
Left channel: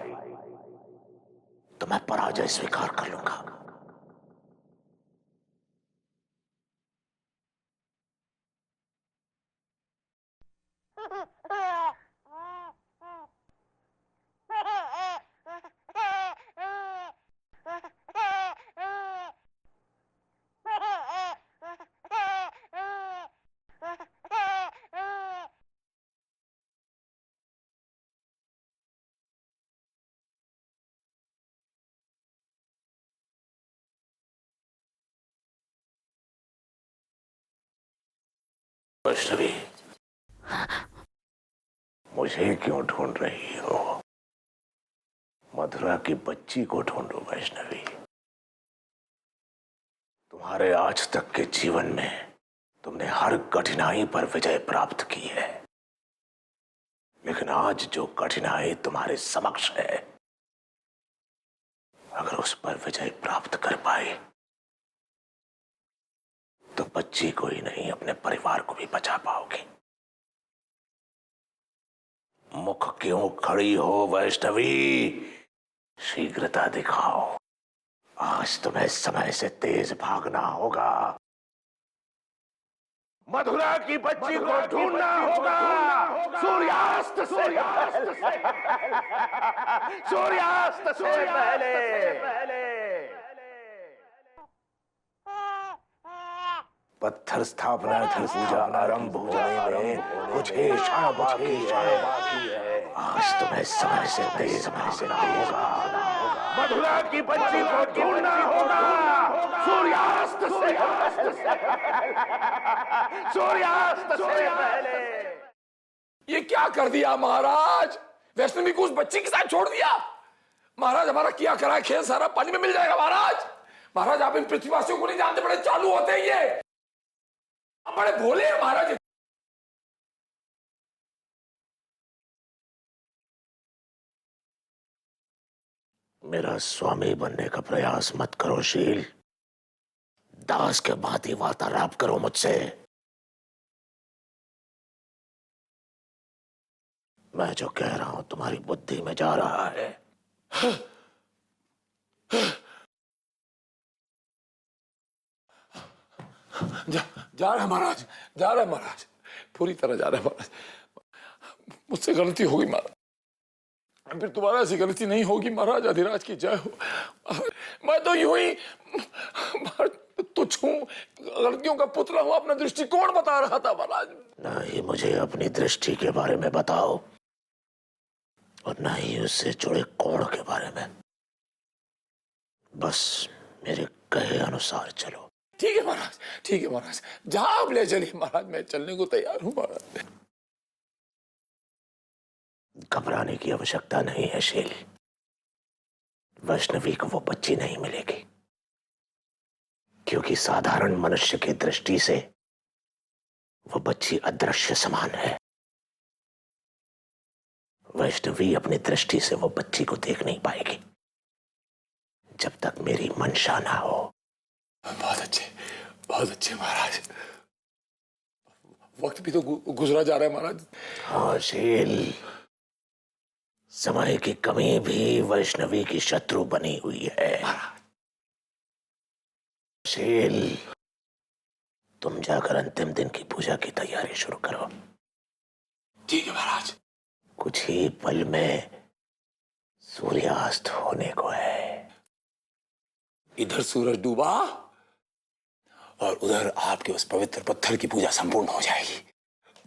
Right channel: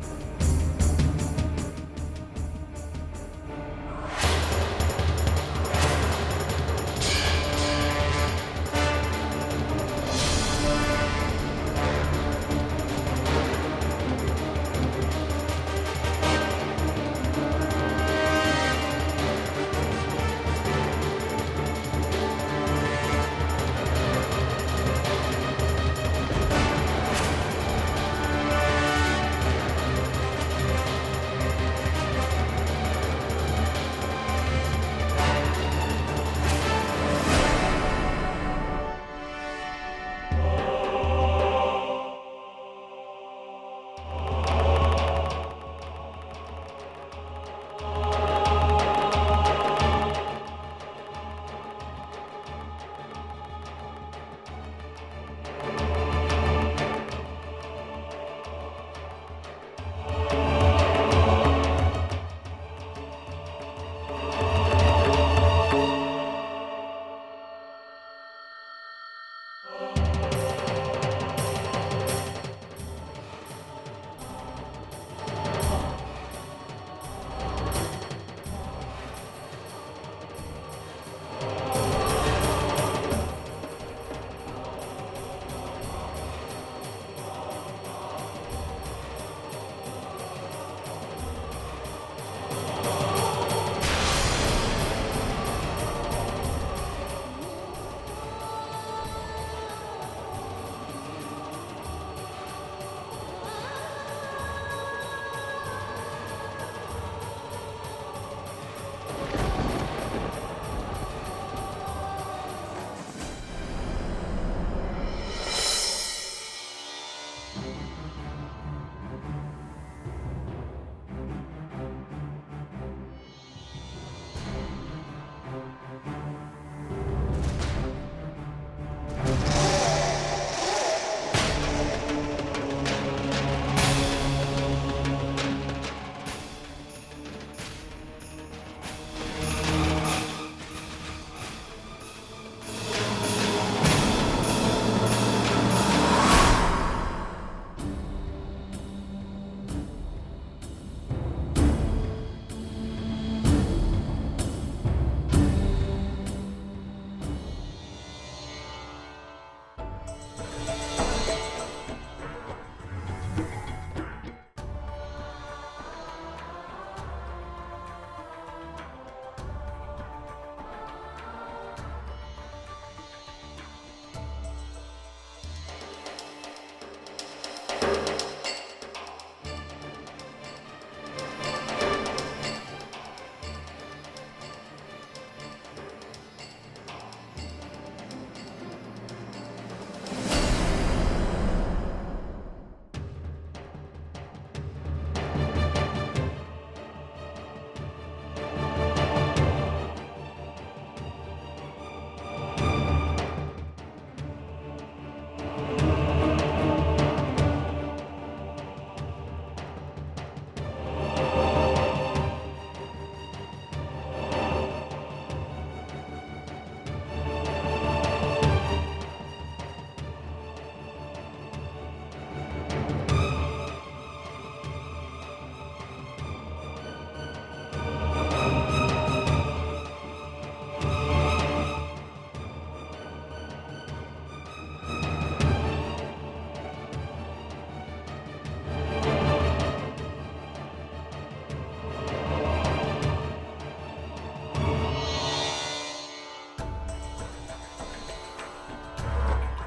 तो मैं पराजय स्वीकार कर लूंगा। वैष्णवी, मुझे क्यों ढूंढ रही हो? मथुरा की बच्ची को ढूंढो वैष्णवी। हमारे आज तक के जीवन में तुमने हर कठिनाई पर विजय प्राप्त की है, लेकिन आज जो कठिनाई तुम्हारे समक्ष है, अगर उस पर विजय प्राप्त कर पाए तो बच्ची को ही नहीं अपने परिवार को भी बचा पाओगे। मुख क्यों खड़ी हो वैष्णवी? शीघ्रता दिखाओ, आज तुम्हें समय से तेज भागना होगा। मथुरा की बच्ची को ढूंढना होगा सूर्यास्त से पहले। सूर्यास्त से पहले। पत्थर स्थापना की पूजा आरंभ होने में कुछ ही क्षण बाकी है। आज तुम्हें समय से तेज भागना होगा। मथुरा की बच्ची को ढूंढना होगा सूर्यास्त से पहले। सूर्यास्त से पहले। ये क्या कर दिया महाराज? वैष्णवी को उस बच्ची के साथ छोड़ दिया। महाराज, हमारा किया करा खेल सारा पानी में मिल जाएगा। महाराज, महाराज आप इन पृथ्वीवासियों को नहीं जानते, बड़े चालू होते हैं ये, बड़े भोले हैं महाराज। मेरा स्वामी बनने का प्रयास मत करो शील। दास के भांति वार्तालाप करो मुझसे। मैं जो कह रहा हूं तुम्हारी बुद्धि में जा रहा है। जा रहा है महाराज, जा रहा है महाराज, पूरी तरह जा रहा है महाराज। मुझसे गलती होगी महाराज, फिर तुम्हारा ऐसी गलती नहीं होगी महाराज। अधिराज की जय हो। मैं तो यूं ही तुझ हूं, लड़कियों का पुतला हूं, अपना दृष्टिकोण बता रहा था महाराज। नहीं मुझे अपनी दृष्टि के बारे में बताओ और न ही उससे जुड़े कोण के बारे में। बस मेरे कहे अनुसार चलो। ठीक है महाराज, ठीक है महाराज, जहां आप ले चलिए महाराज, मैं चलने को तैयार हूं महाराज। घबराने की आवश्यकता नहीं है शील। वैष्णवी को वो बच्ची नहीं मिलेगी, क्योंकि साधारण मनुष्य की दृष्टि से वो बच्ची अदृश्य समान है। वैष्णवी अपनी दृष्टि से वो बच्ची को देख नहीं पाएगी जब तक मेरी मंशा ना हो। बहुत अच्छे महाराज। वक्त भी तो गुजरा जा रहा है महाराज। हाँ शील, समय की कमी भी वैष्णवी की शत्रु बनी हुई है। शील, तुम जाकर अंतिम दिन की पूजा की तैयारी शुरू करो। ठीक है महाराज। कुछ ही पल में सूर्यास्त होने को है। इधर सूरज डूबा और उधर आपके उस पवित्र पत्थर की पूजा संपूर्ण हो जाएगी।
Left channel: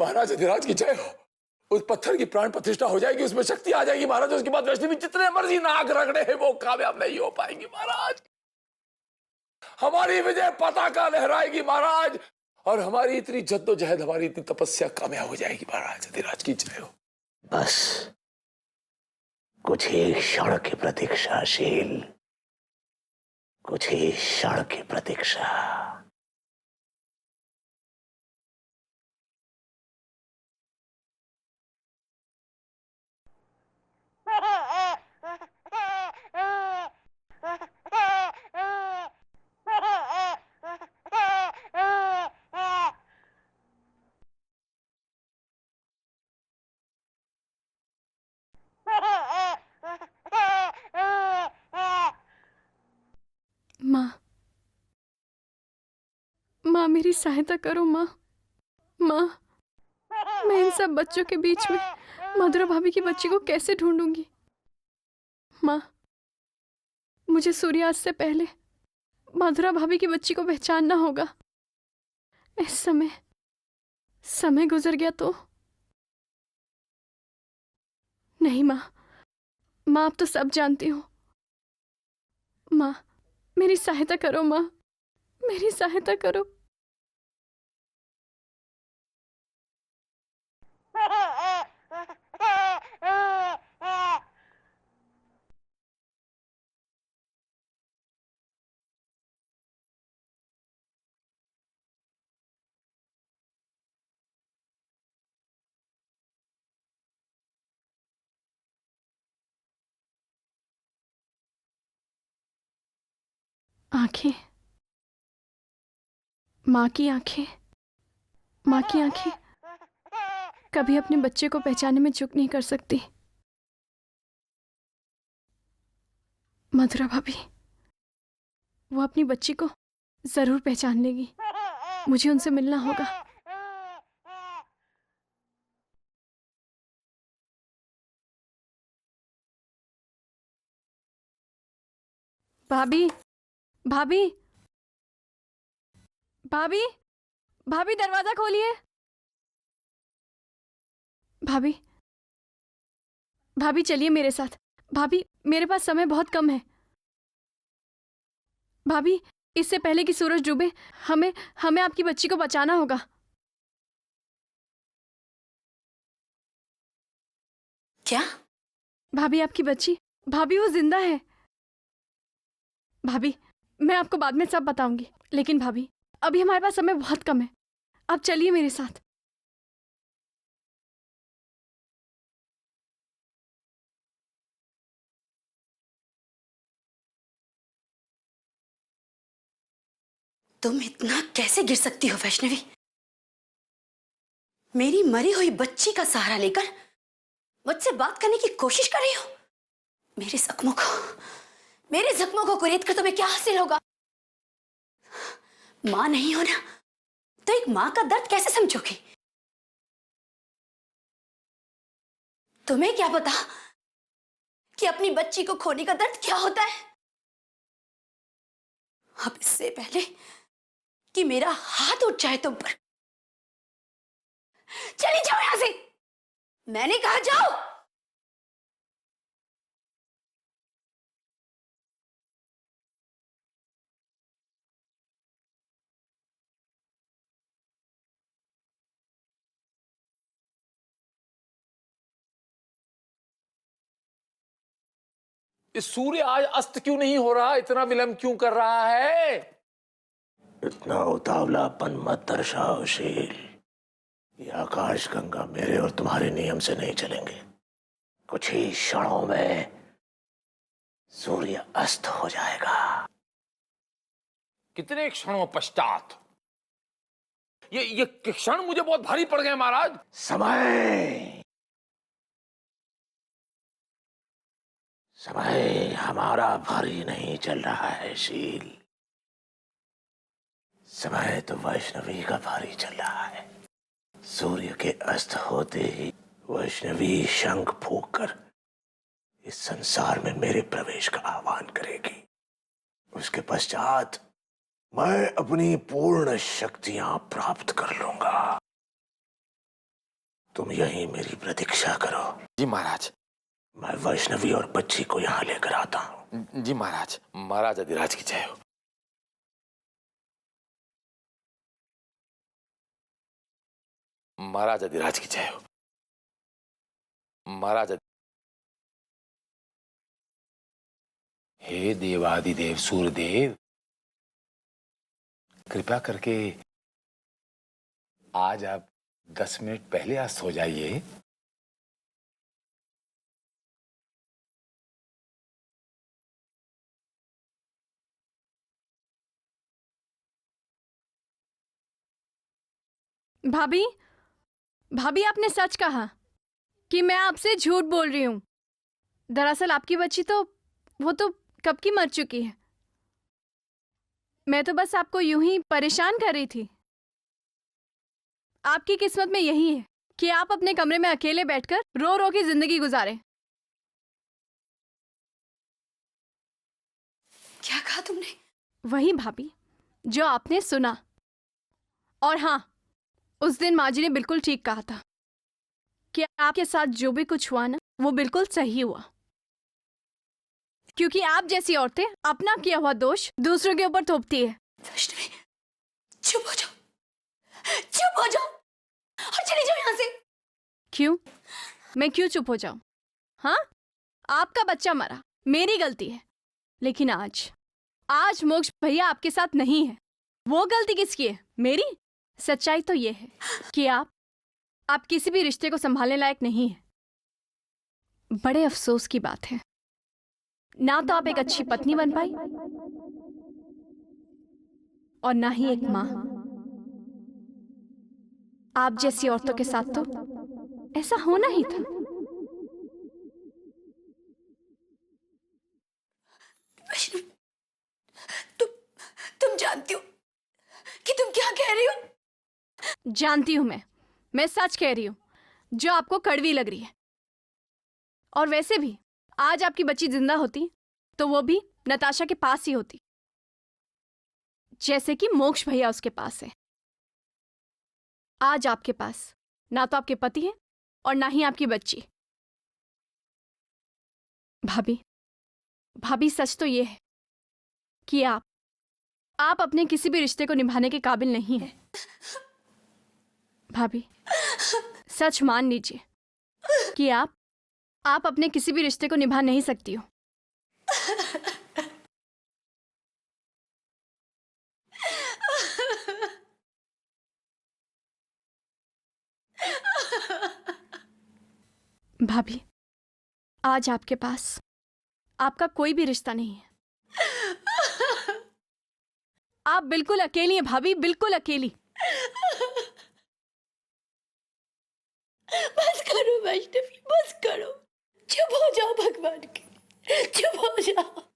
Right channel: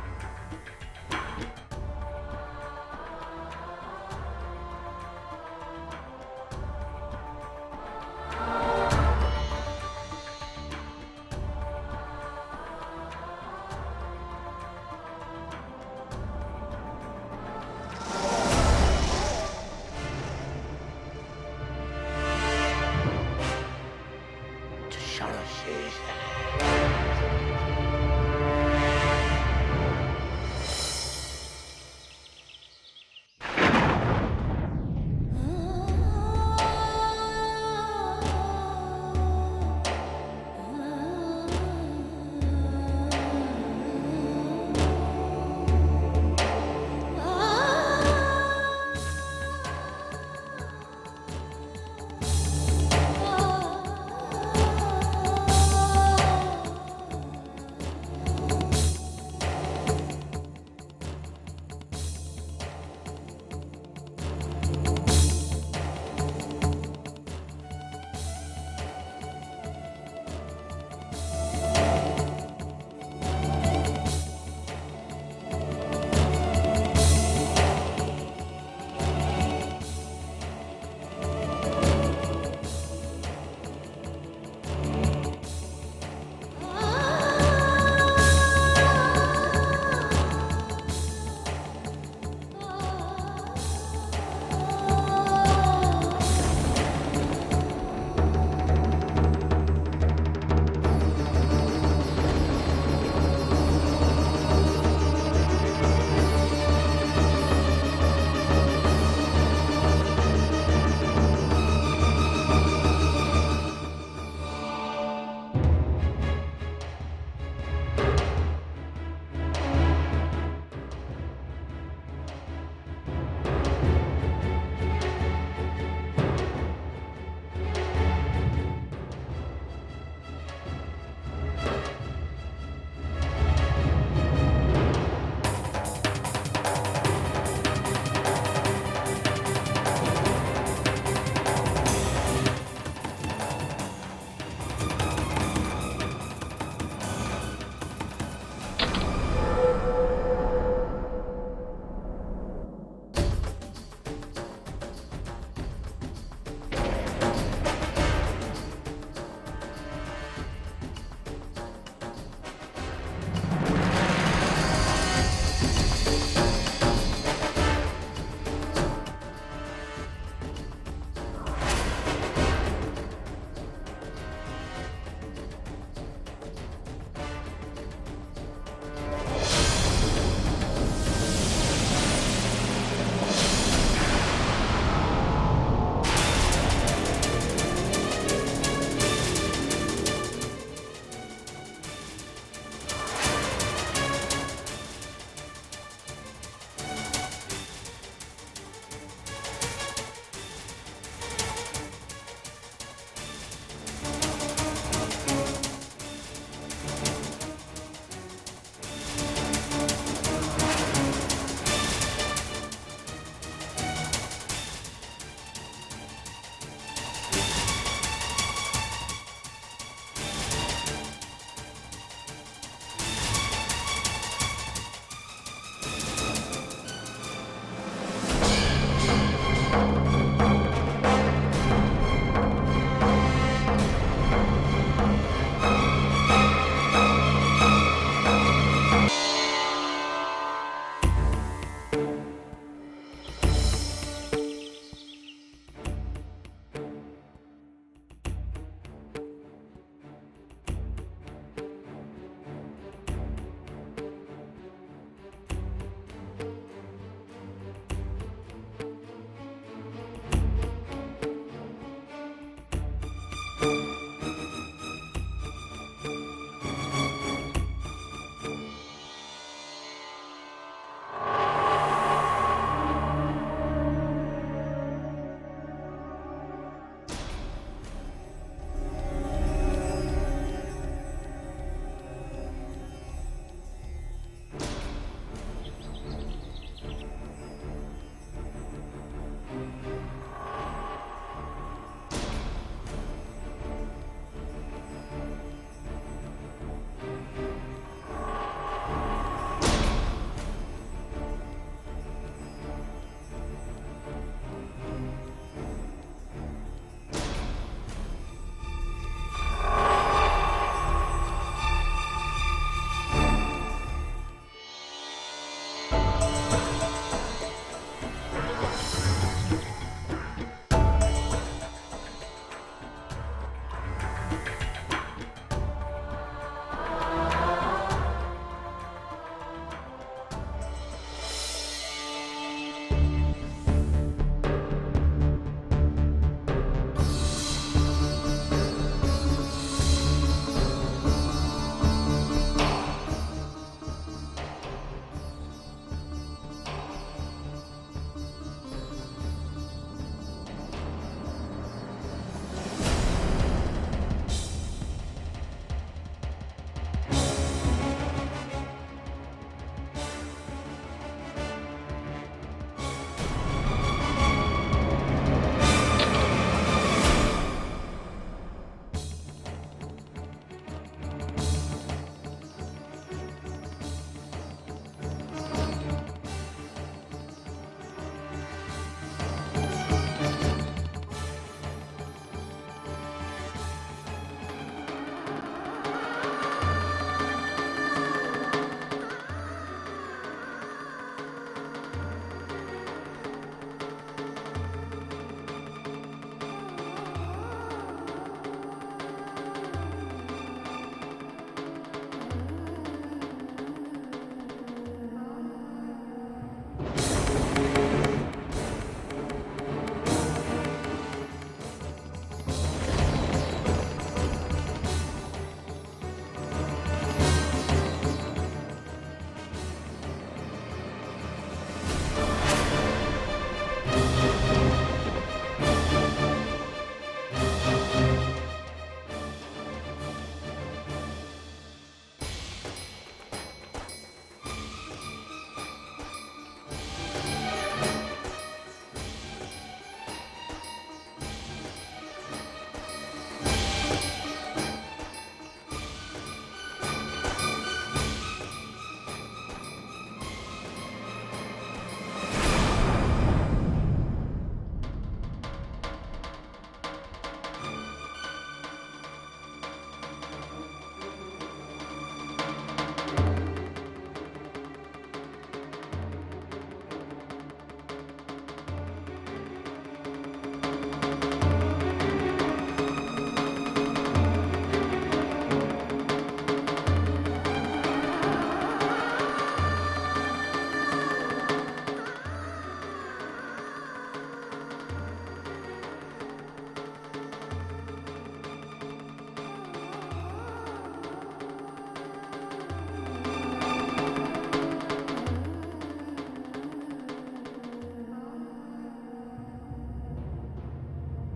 महाराज अधिराज की जय हो। उस पत्थर की प्राण प्रतिष्ठा हो जाएगी, उसमें शक्ति आ जाएगी महाराज। उसके बाद वैष्णवी जितने मर्जी नाग रगड़े हैं वो कामयाब नहीं हो पाएंगे महाराज। हमारी विजय पताका लहराएगी महाराज, और हमारी इतनी जद्दोजहद, हमारी इतनी तपस्या कामयाब हो जाएगी महाराज। अधिराज की जय हो। बस कुछ ही क्षण की प्रतीक्षा शील, कुछ ही क्षण की प्रतीक्षा। मेरी सहायता करो माँ। माँ, मैं इन सब बच्चों के बीच में मधुरा भाभी की बच्ची को कैसे ढूंढूंगी? माँ, मुझे सूर्यास्त से पहले मधुरा भाभी की बच्ची को पहचानना होगा। इस समय गुजर गया तो नहीं। माँ, अब तो सब जानती हूँ। माँ, मेरी सहायता करो। माँ, मेरी सहायता करो। माँ की आंखें कभी अपने बच्चे को पहचानने में चूक नहीं कर सकती। मधुरा भाभी, वो अपनी बच्ची को जरूर पहचान लेगी। मुझे उनसे मिलना होगा। भाभी, भाभी, भाभी, भाभी, दरवाजा खोलिए। भाभी, भाभी चलिए मेरे साथ। भाभी, मेरे पास समय बहुत कम है। भाभी, इससे पहले कि सूरज डूबे हमें आपकी बच्ची को बचाना होगा। क्या? भाभी, आपकी बच्ची, भाभी वो जिंदा है। भाभी, मैं आपको बाद में सब बताऊंगी, लेकिन भाभी अभी हमारे पास समय बहुत कम है। आप चलिए मेरे साथ। तुम इतना कैसे गिर सकती हो वैष्णवी? मेरी मरी हुई बच्ची का सहारा लेकर मुझसे बात करने की कोशिश कर रही हो। मेरे जख्मों को कुरेद कर तुम्हें क्या हासिल होगा? माँ नहीं हो ना, तो एक माँ का दर्द कैसे समझोगी? तुम्हें क्या पता कि अपनी बच्ची को खोने का दर्द क्या होता है? अब इससे पहले कि मेरा हाथ उठ जाए तुम पर, चली जाओ यहां से। मैंने कहा जाओ। ये सूर्य आज अस्त क्यों नहीं हो रहा? इतना विलंब क्यों कर रहा है? इतना उतावलापन मत दर्शाओ शील। ये आकाश गंगा मेरे और तुम्हारे नियम से नहीं चलेंगे। कुछ ही क्षणों में सूर्य अस्त हो जाएगा। कितने क्षणों पश्चात? ये क्षण मुझे बहुत भारी पड़ गए महाराज। समय हमारा भारी नहीं चल रहा है शील। समय तो वैष्णवी का भारी चल रहा है। सूर्य के अस्त होते ही वैष्णवी शंख फूंककर इस संसार में मेरे प्रवेश का आह्वान करेगी। उसके पश्चात मैं अपनी पूर्ण शक्तियां प्राप्त कर लूंगा। तुम यहीं मेरी प्रतीक्षा करो। जी महाराज। मैं वैष्णवी और बच्ची को यहाँ लेकर आता हूँ। जी महाराज। महाराज अधिराज की जय हो। महाराज अधिराज की जय हो। महाराज हे देवादिदेव सूर्यदेव, कृपया करके आज आप 10 मिनट पहले आज सो जाइए। भाभी, भाभी आपने सच कहा कि मैं आपसे झूठ बोल रही हूँ। दरअसल आपकी बच्ची तो वो तो कब की मर चुकी है। मैं तो बस आपको यूं ही परेशान कर रही थी। आपकी किस्मत में यही है कि आप अपने कमरे में अकेले बैठकर रो रो की जिंदगी गुजारें। क्या कहा तुमने? वही भाभी जो आपने सुना। और हाँ, उस दिन माँ जी ने बिल्कुल ठीक कहा था कि आपके साथ जो भी कुछ हुआ ना, वो बिल्कुल सही हुआ। क्योंकि आप जैसी औरतें अपना किया हुआ दोष दूसरों के ऊपर थोपती है। वैष्णवी, चुप हो जाओ, चुप हो जाओ और चली जाओ यहाँ से। क्यों? मैं क्यों चुप हो जाऊं? हाँ, आपका बच्चा मरा, मेरी गलती है। लेकिन आज मोक्ष भैया आपके साथ नहीं है। वो गलती किसकी है? मेरी। सच्चाई तो ये है कि आप किसी भी रिश्ते को संभालने लायक नहीं है। बड़े अफसोस की बात है, ना तो आप एक अच्छी पत्नी बन पाई और ना ही एक माँ। आप जैसी औरतों के साथ तो ऐसा होना ही। तुम जानती हो कि तुम क्या कह रही हो? जानती हूँ मैं सच कह रही हूँ जो आपको कड़वी लग रही है। और वैसे भी आज आपकी बच्ची जिंदा होती तो वो भी नताशा के पास ही होती, जैसे कि मोक्ष भैया उसके पास है। आज आपके पास ना तो आपके पति है और ना ही आपकी बच्ची। भाभी सच तो ये है कि आप अपने किसी भी रिश्ते को निभाने के काबिल नहीं हैं। भाभी, सच मान लीजिए कि आप अपने किसी भी रिश्ते को निभा नहीं सकती हो। भाभी, आज आपके पास आपका कोई भी रिश्ता नहीं है। आप बिल्कुल अकेली हैं भाभी, बिल्कुल अकेली। बस करो वैष्णवी, बस करो। चुप हो जाओ भगवान के, चुप हो जाओ।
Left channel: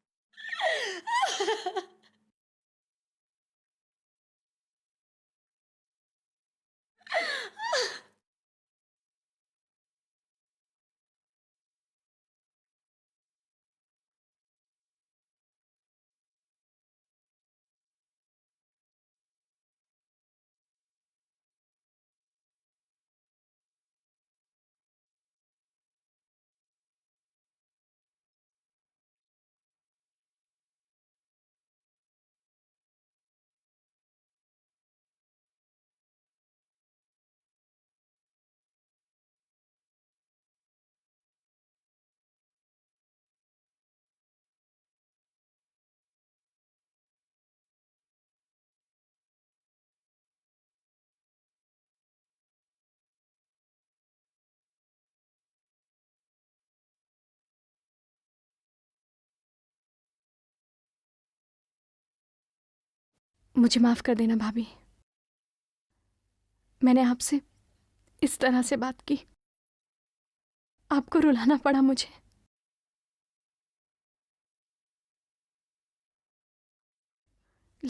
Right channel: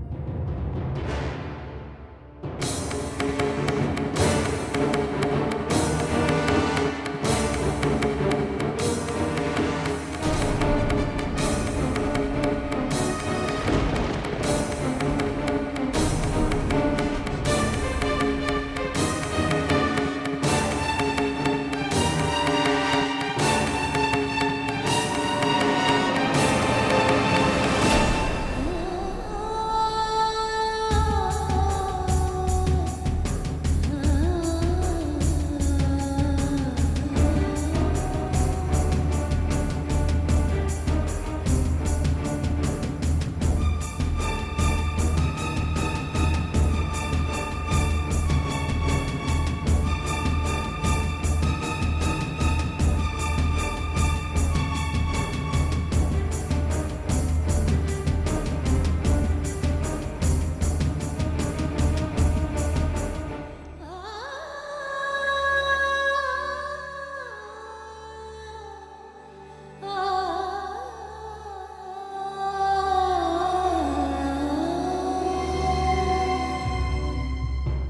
मुझे माफ कर देना भाभी। मैंने आपसे इस तरह से बात की, आपको रुलाना पड़ा मुझे।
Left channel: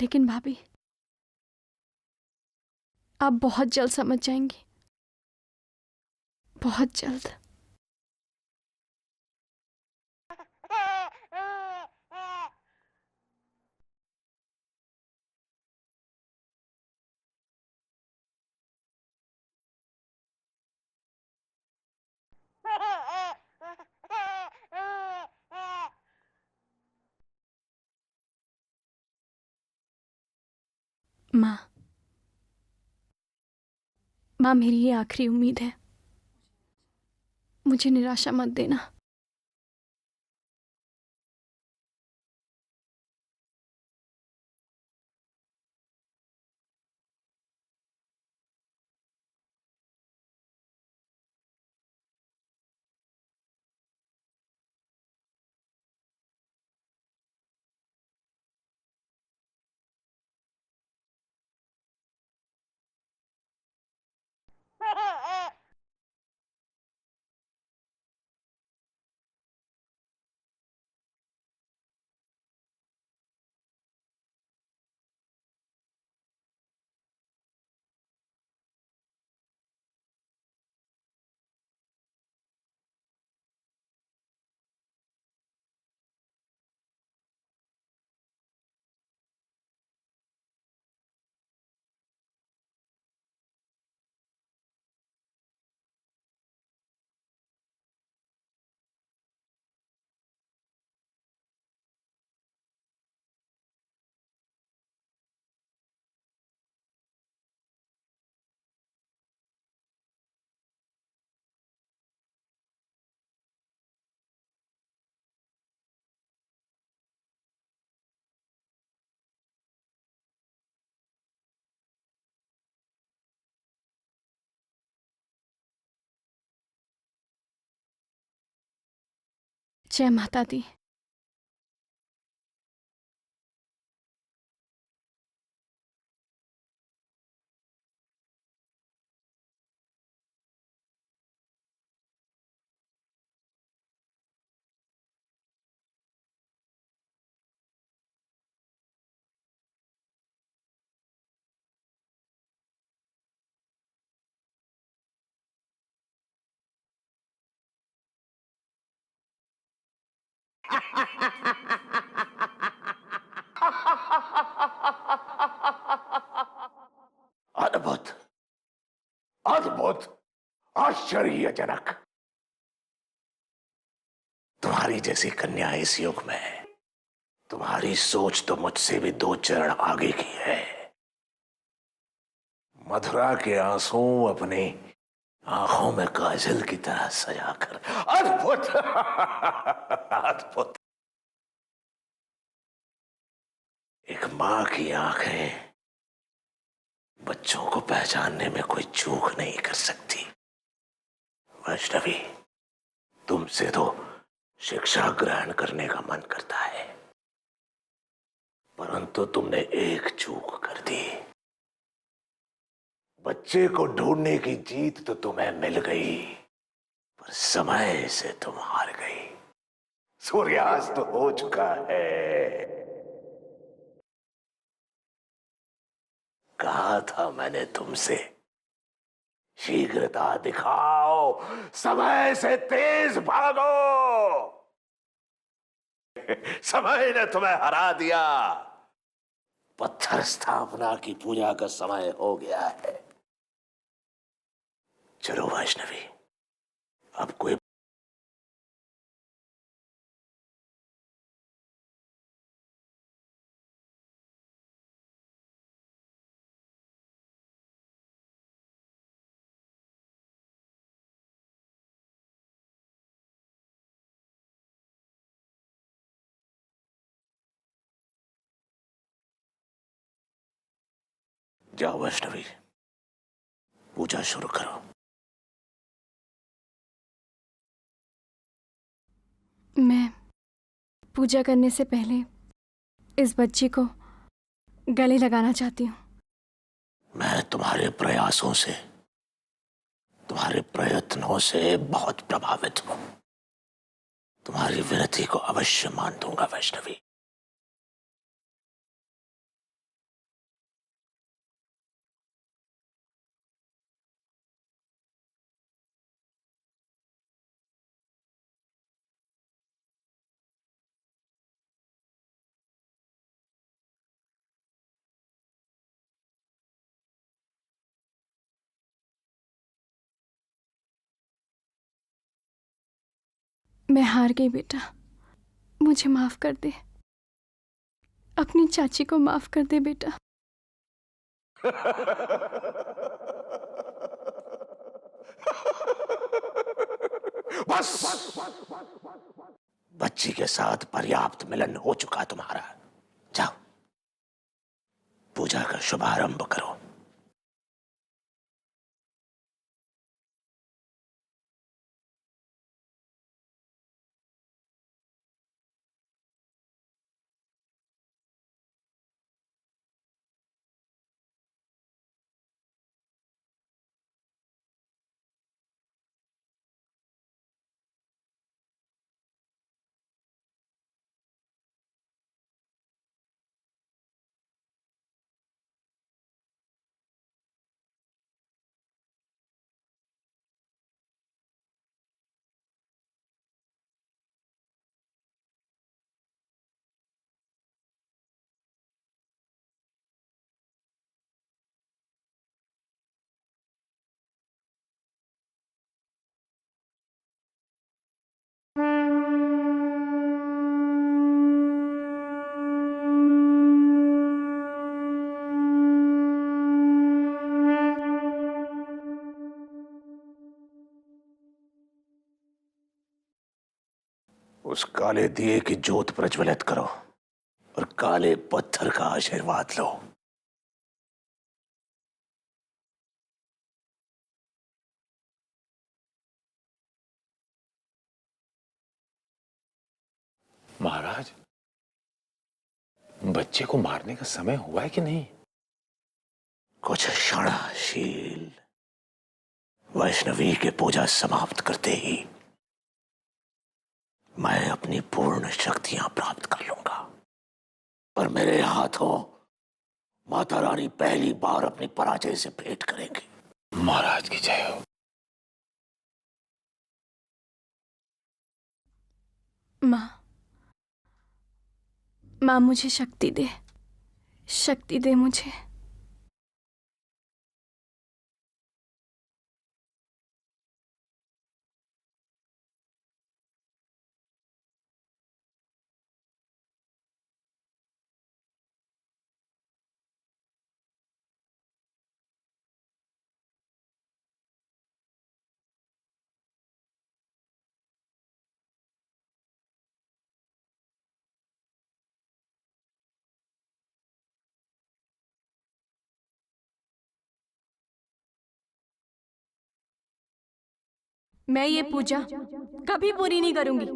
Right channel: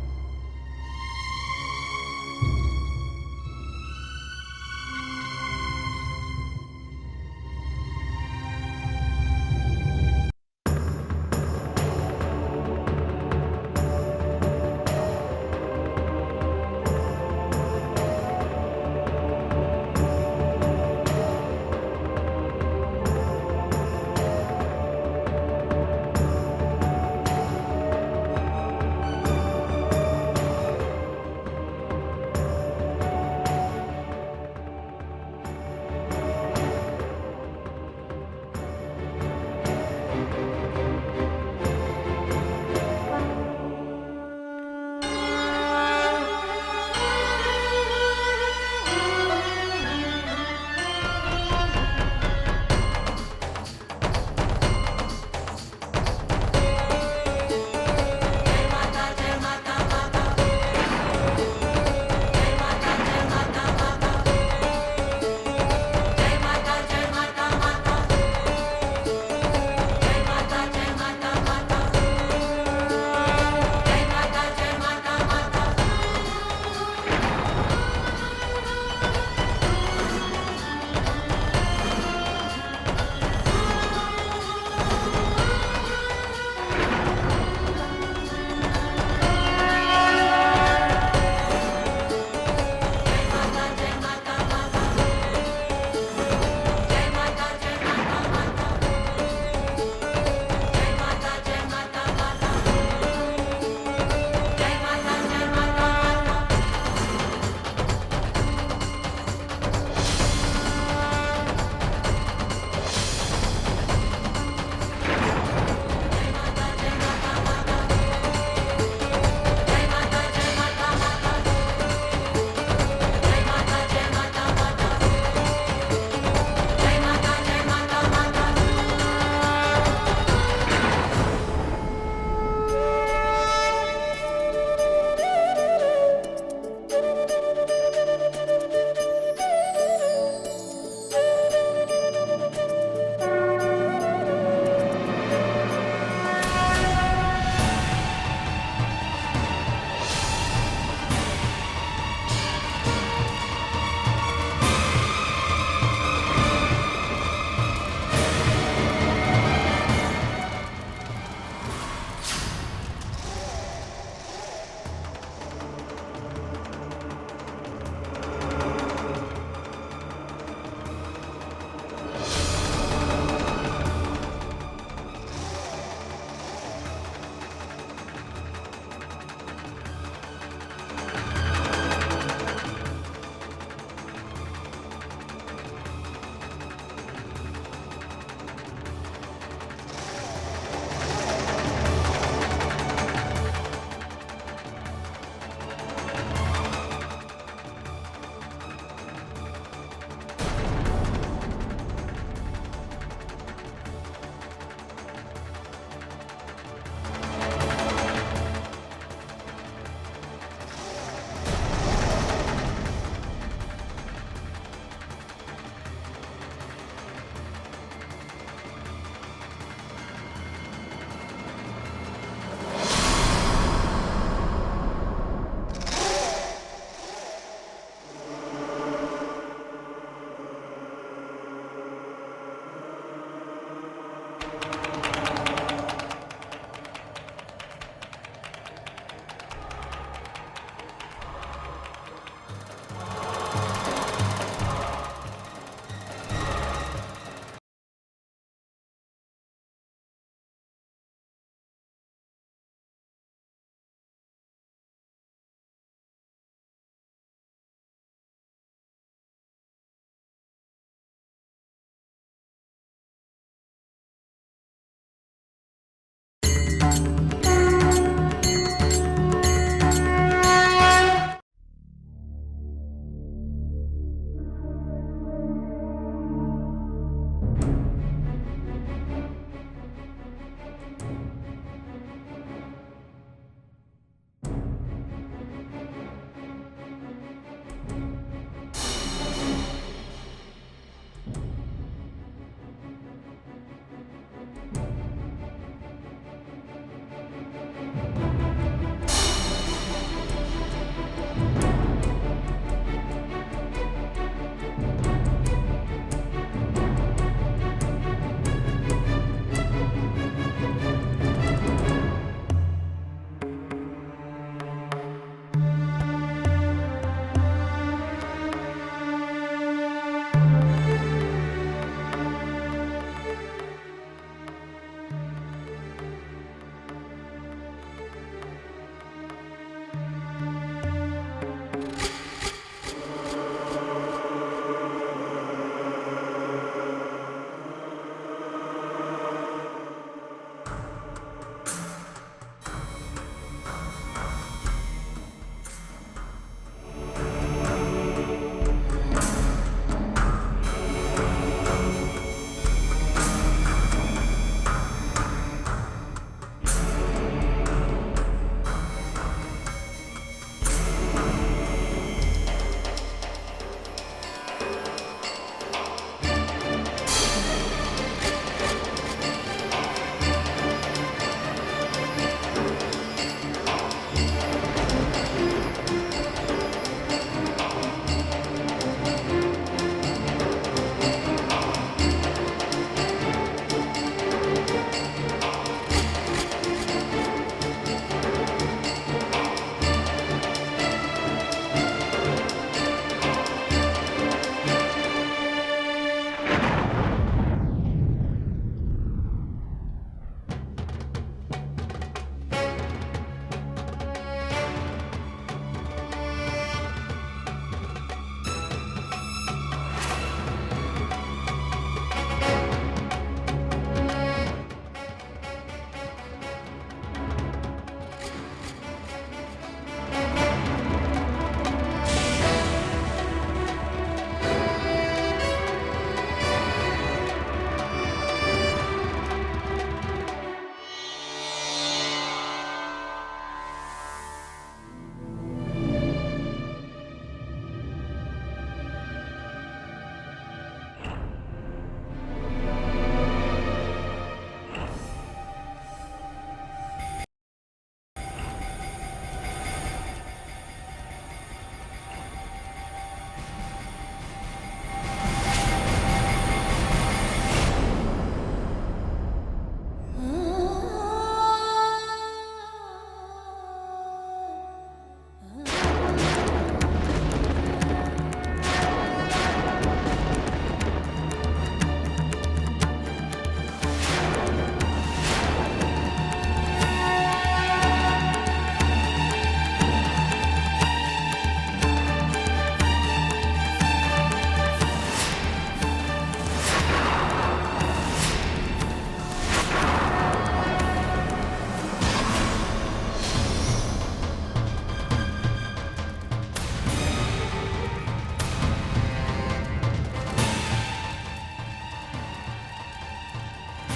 लेकिन भाभी, आप बहुत जल्द समझ जाएंगी, बहुत जल्द। माँ, मेरी ये आखिरी उम्मीद है, मुझे निराशा मत देना। जय माता दी। अद्भुत, अद्भुत, आश्चर्यजनक। तुम्हारी जैसी कन्या इस युग में, तुम्हारी सोच तो मुझसे भी 2 चरण आगे की है। मथुरा के आंसू अपनी आंखों में काजल की तरह सजाकर। अद्भुत, अद्भुत। एक मां की आंखें बच्चों को पहचानने में कोई चूक नहीं कर सकती। वैष्णवी, तुमसे तो शिक्षा ग्रहण करने का मन करता है, परंतु तुमने एक चूक कर दी। बच्चे को ढूंढने की जीत तो तुम्हें मिल गई, समय से तुम हार गई। सूर्यास्त हो चुका है। कहा था मैंने तुमसे, शीघ्रता दिखाओ, समय से तेज भागो। समय ने तुम्हें हरा दिया। पत्थर स्थापना की पूजा का समय हो गया है। चलो वैष्णवी, अब कोई जाओ वैष्णवी, पूजा शुरू करो। मैं पूजा करने से पहले इस बच्ची को गले लगाना चाहती हूँ। मैं तुम्हारे प्रयासों से, तुम्हारे प्रयत्नों से बहुत प्रभावित हूं। तुम्हारी विनती को अवश्य मान दूंगा वैष्णवी। मैं हार गई बेटा, मुझे माफ कर दे। अपनी चाची को माफ कर दे बेटा। बस, बच्ची के साथ पर्याप्त मिलन हो चुका तुम्हारा। जाओ, पूजा का शुभारंभ करो। उस काले दिए की ज्योत प्रज्वलित करो और काले पत्थर का आशीर्वाद लो। महाराज, बच्चे को मारने का समय हुआ है कि नहीं? कुछ क्षणशील वैष्णवी के पूजा समाप्त करते ही मैं अपनी पूर्ण शक्तियां प्राप्त कर लूंगा और मेरे हाथों माता रानी पहली बार अपनी पराजय से भेंट करेंगे। महाराज की जय हो। माँ मुझे शक्ति दे, शक्ति दे मुझे। मैं ये पूजा कभी पूरी नहीं करूंगी।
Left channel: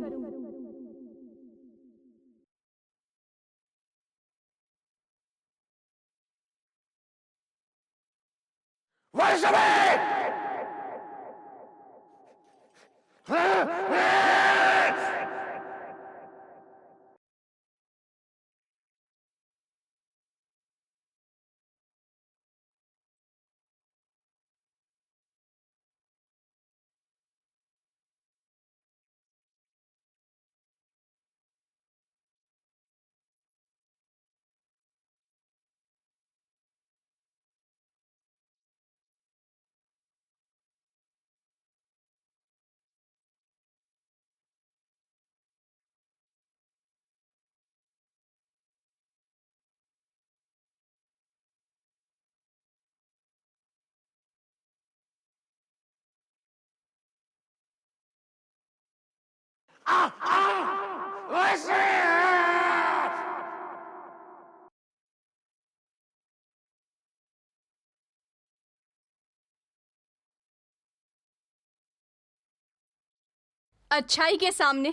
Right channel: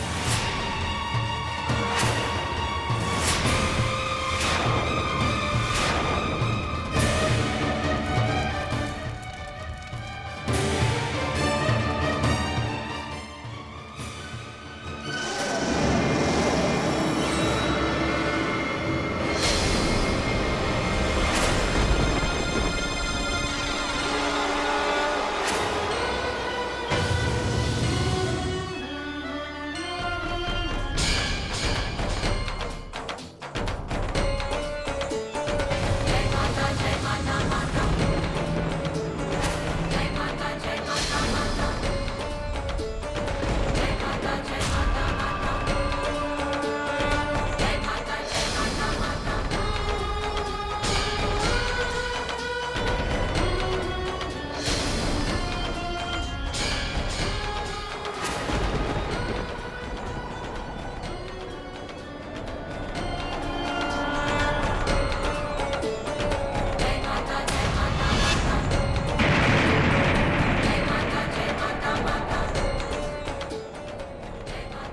अच्छाई के सामने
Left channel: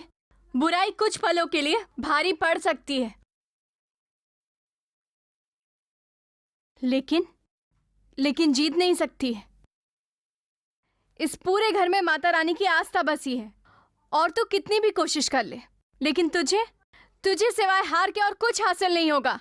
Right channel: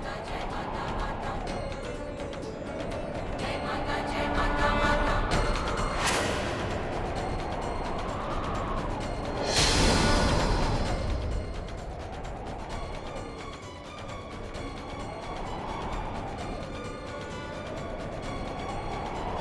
बुराई कुछ पलों के लिए भारी पड़ सकती है, लेकिन जीत नहीं सकती। इस पूरे घर में माता रानी की आस्था बसी है और तू कितनी भी कोशिश कर ले, लेकिन तुझे सिवाय हार के और कुछ हासिल नहीं होगा।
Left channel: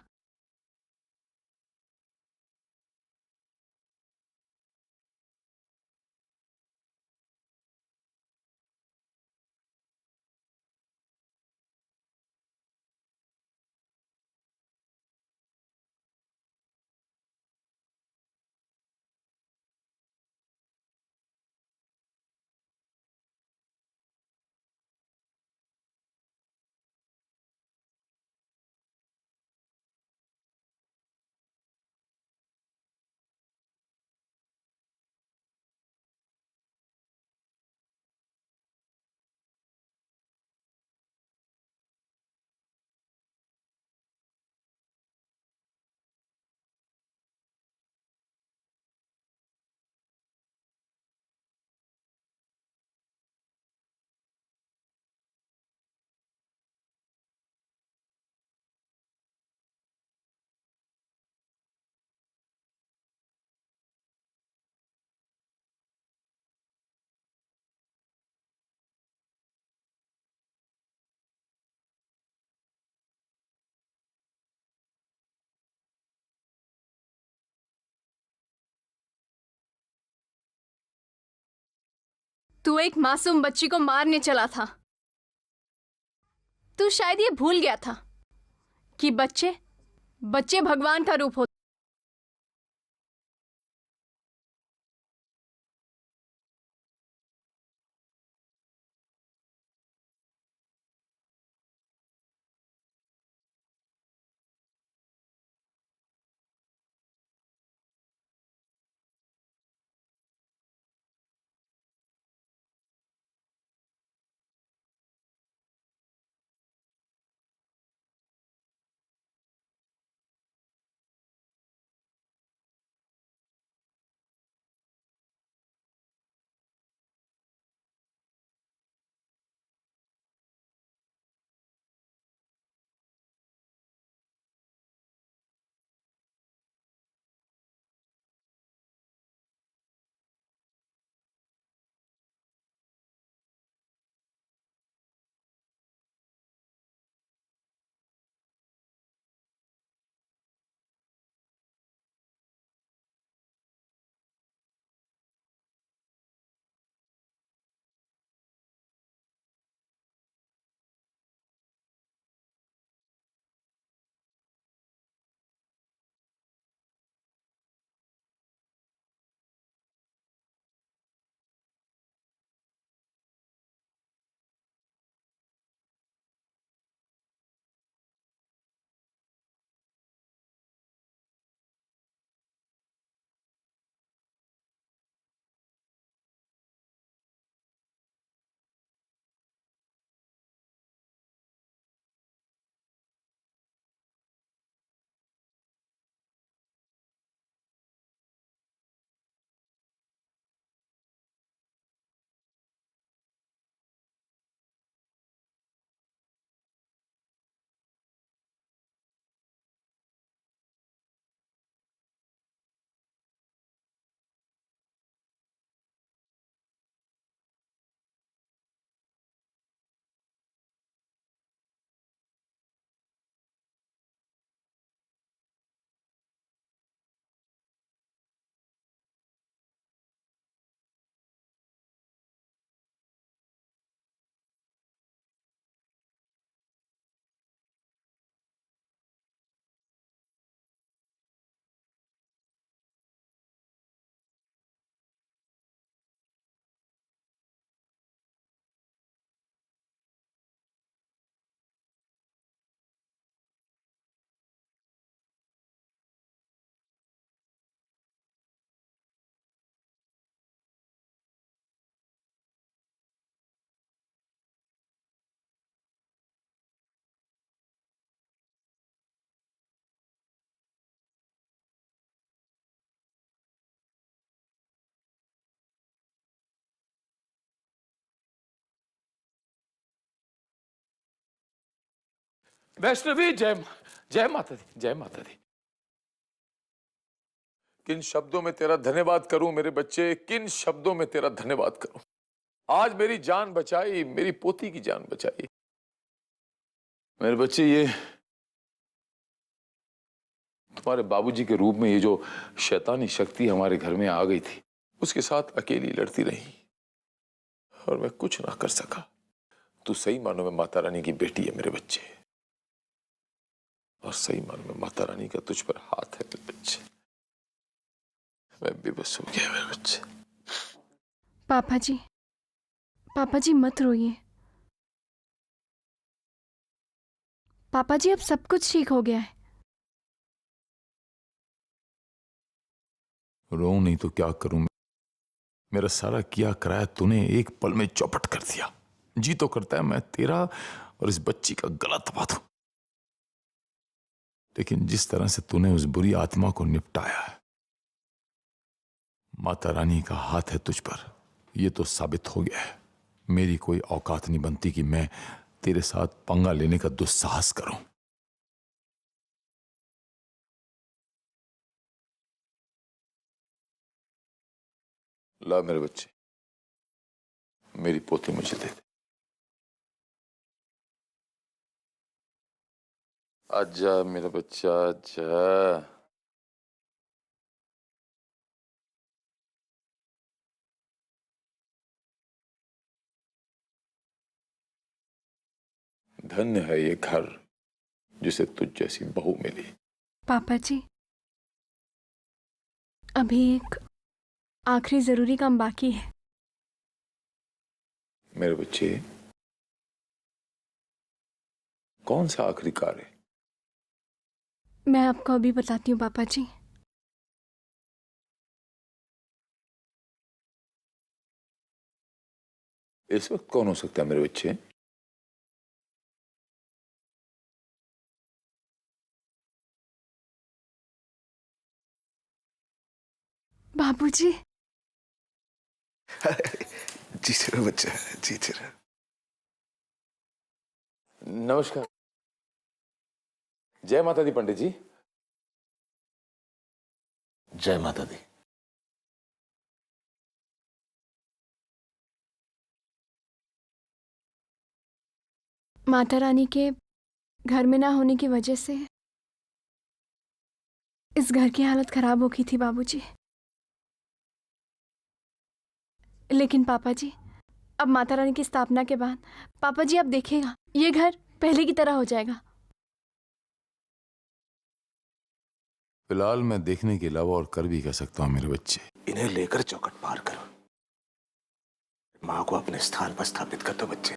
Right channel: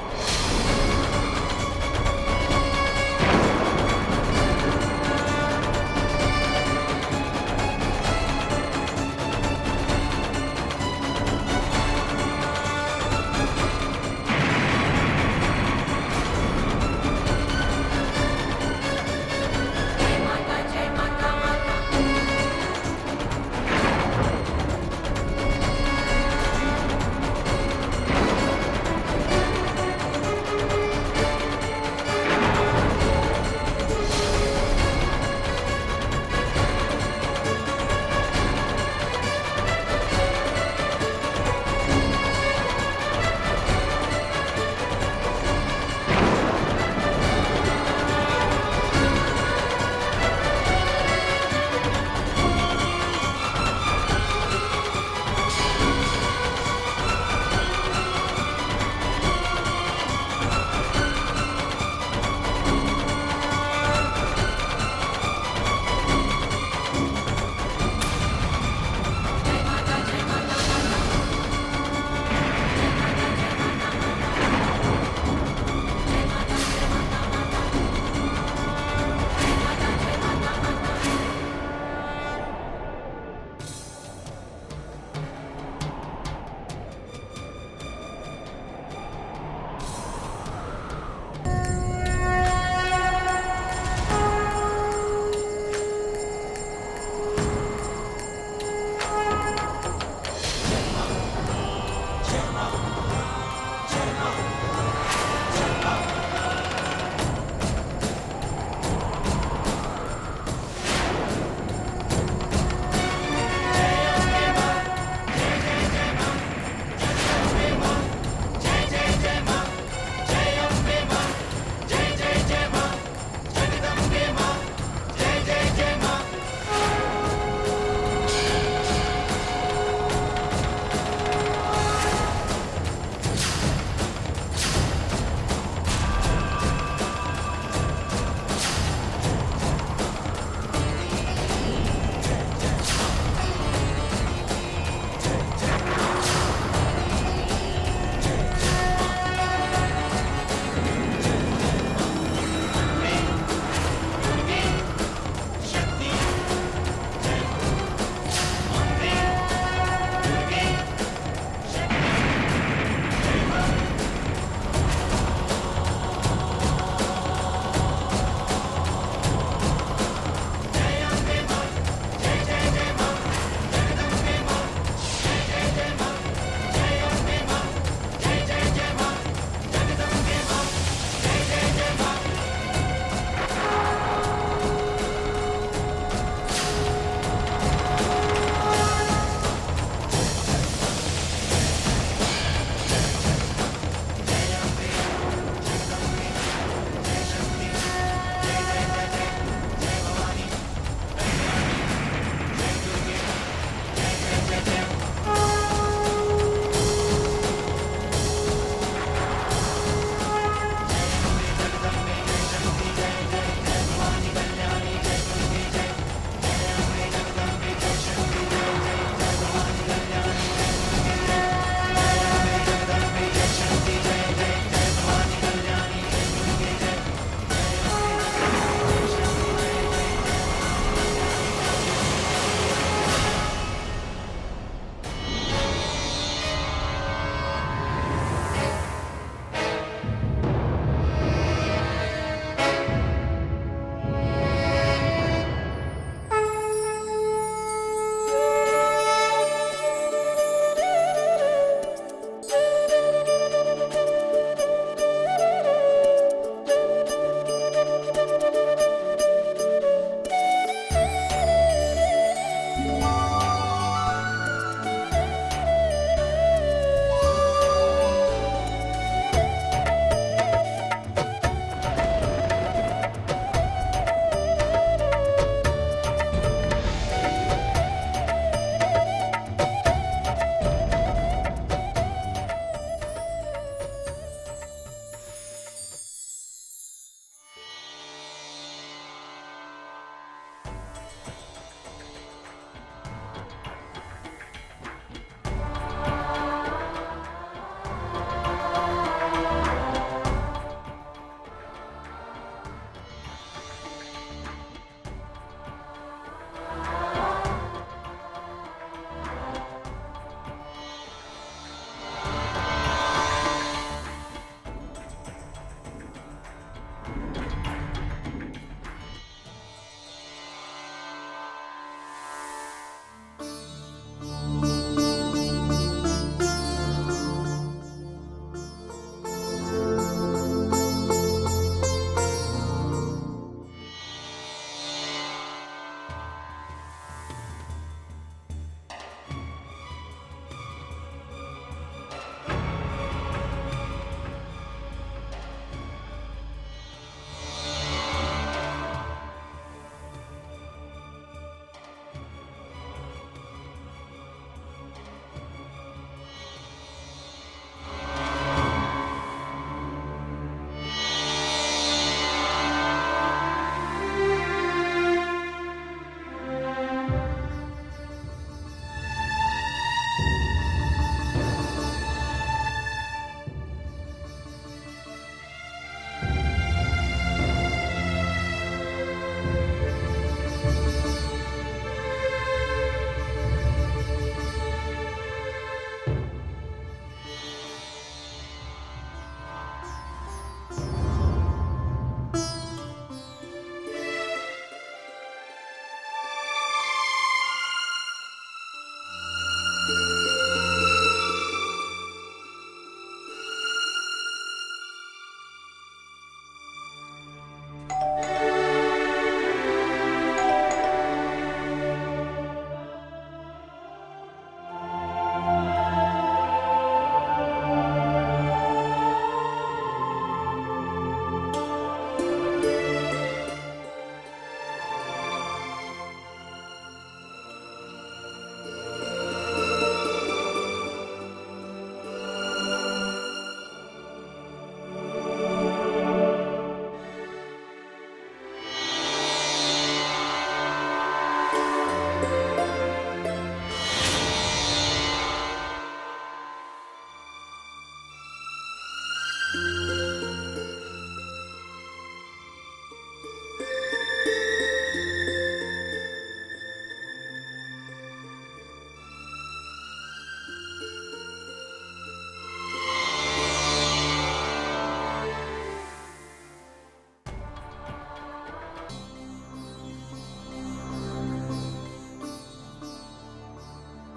तू एक मासूम बच्ची को मारने चला था। तू शायद ये भूल गया था कि बच्चे भगवान का रूप होते। वैष्णवी जय माता दी, जय माता दी। किन शब्दों में तेरा धन्यवाद करूं मेरे बच्चे, किन शब्दों में तेरा धन्यवाद करूं। आज मेरी जान बचाई, मेरी पोती की जान बचाई। मेरे बच्चे, ये तुम्हारे बाबूजी के रूप में ये जो शैतानी शक्ति हमारे घर में आ गई थी, उसके साथ अकेली लड़ती रही और मैं कुछ ना कर सका। तू सही मानो में माता रानी की बेटी है मेरे बच्चे, और सही मानो में माता रानी का तुझ पर हाथ है मेरे बच्चे। मैं बेबस हो गया मेरे बच्चे। पापा जी मत रोइए। पापा जी अब सब कुछ ठीक हो गया है। रो नहीं तो क्या करूं? मेरा सारा किया कराया तूने एक पल में चौपट कर दिया। जी तो करता है मैं तेरा और इस बच्ची का गला दबा दूं, लेकिन जिस तरह से तूने उस बुरी आत्मा को निपटाया, माता रानी का हाथ है तुझ पर, यह तो साबित हो गया है। मेरी कोई औकात नहीं बनती कि मैं तेरे साथ पंगा लेने का दुस्साहस करूं। ला मेरे बच्चे, मेरी पोती मुझे दे। आजा मेरा बच्चा, आजा। धन्य है ये घर जिसे तुझ जैसी बहू मिली। पापा जी, अभी एक आखिरी जरूरी काम बाकी है। मेरे बच्चे, कौन सा आखिरी कार्य? मैं आपको अभी बताती हूँ पापा जी। इस वक्त कौन हो सकता है मेरे बच्चे? बाबूजी। जी जरा बच्चा, जी जरा। नमस्कार। जय माता दी पंडित जी। जय माता दी। माता रानी के घर में ना होने की वजह से इस घर की हालत खराब हो गई थी बाबूजी। लेकिन पापा जी, अब माता रानी की स्थापना के बाद पापा जी आप देखिएगा, ये घर पहले की तरह हो जाएगा। फिलहाल मैं देखने के अलावा और कर भी कह सकता हूँ मेरे बच्चे। इन्हें लेकर चौखट पार करो। माँ को अपने स्थान पर स्थापित कर दो बच्चे।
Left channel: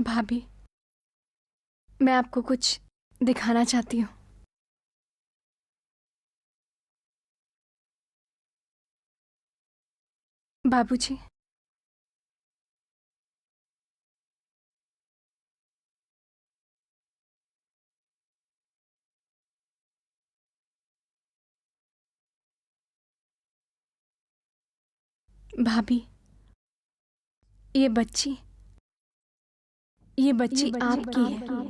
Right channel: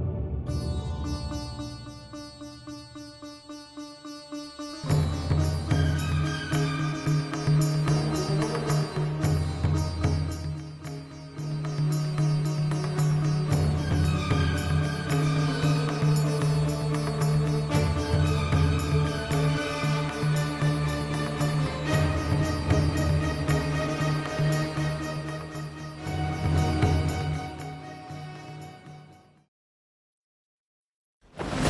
भाभी, मैं आपको कुछ दिखाना चाहती हूँ। बाबूजी, भाभी, ये बच्ची आपकी है।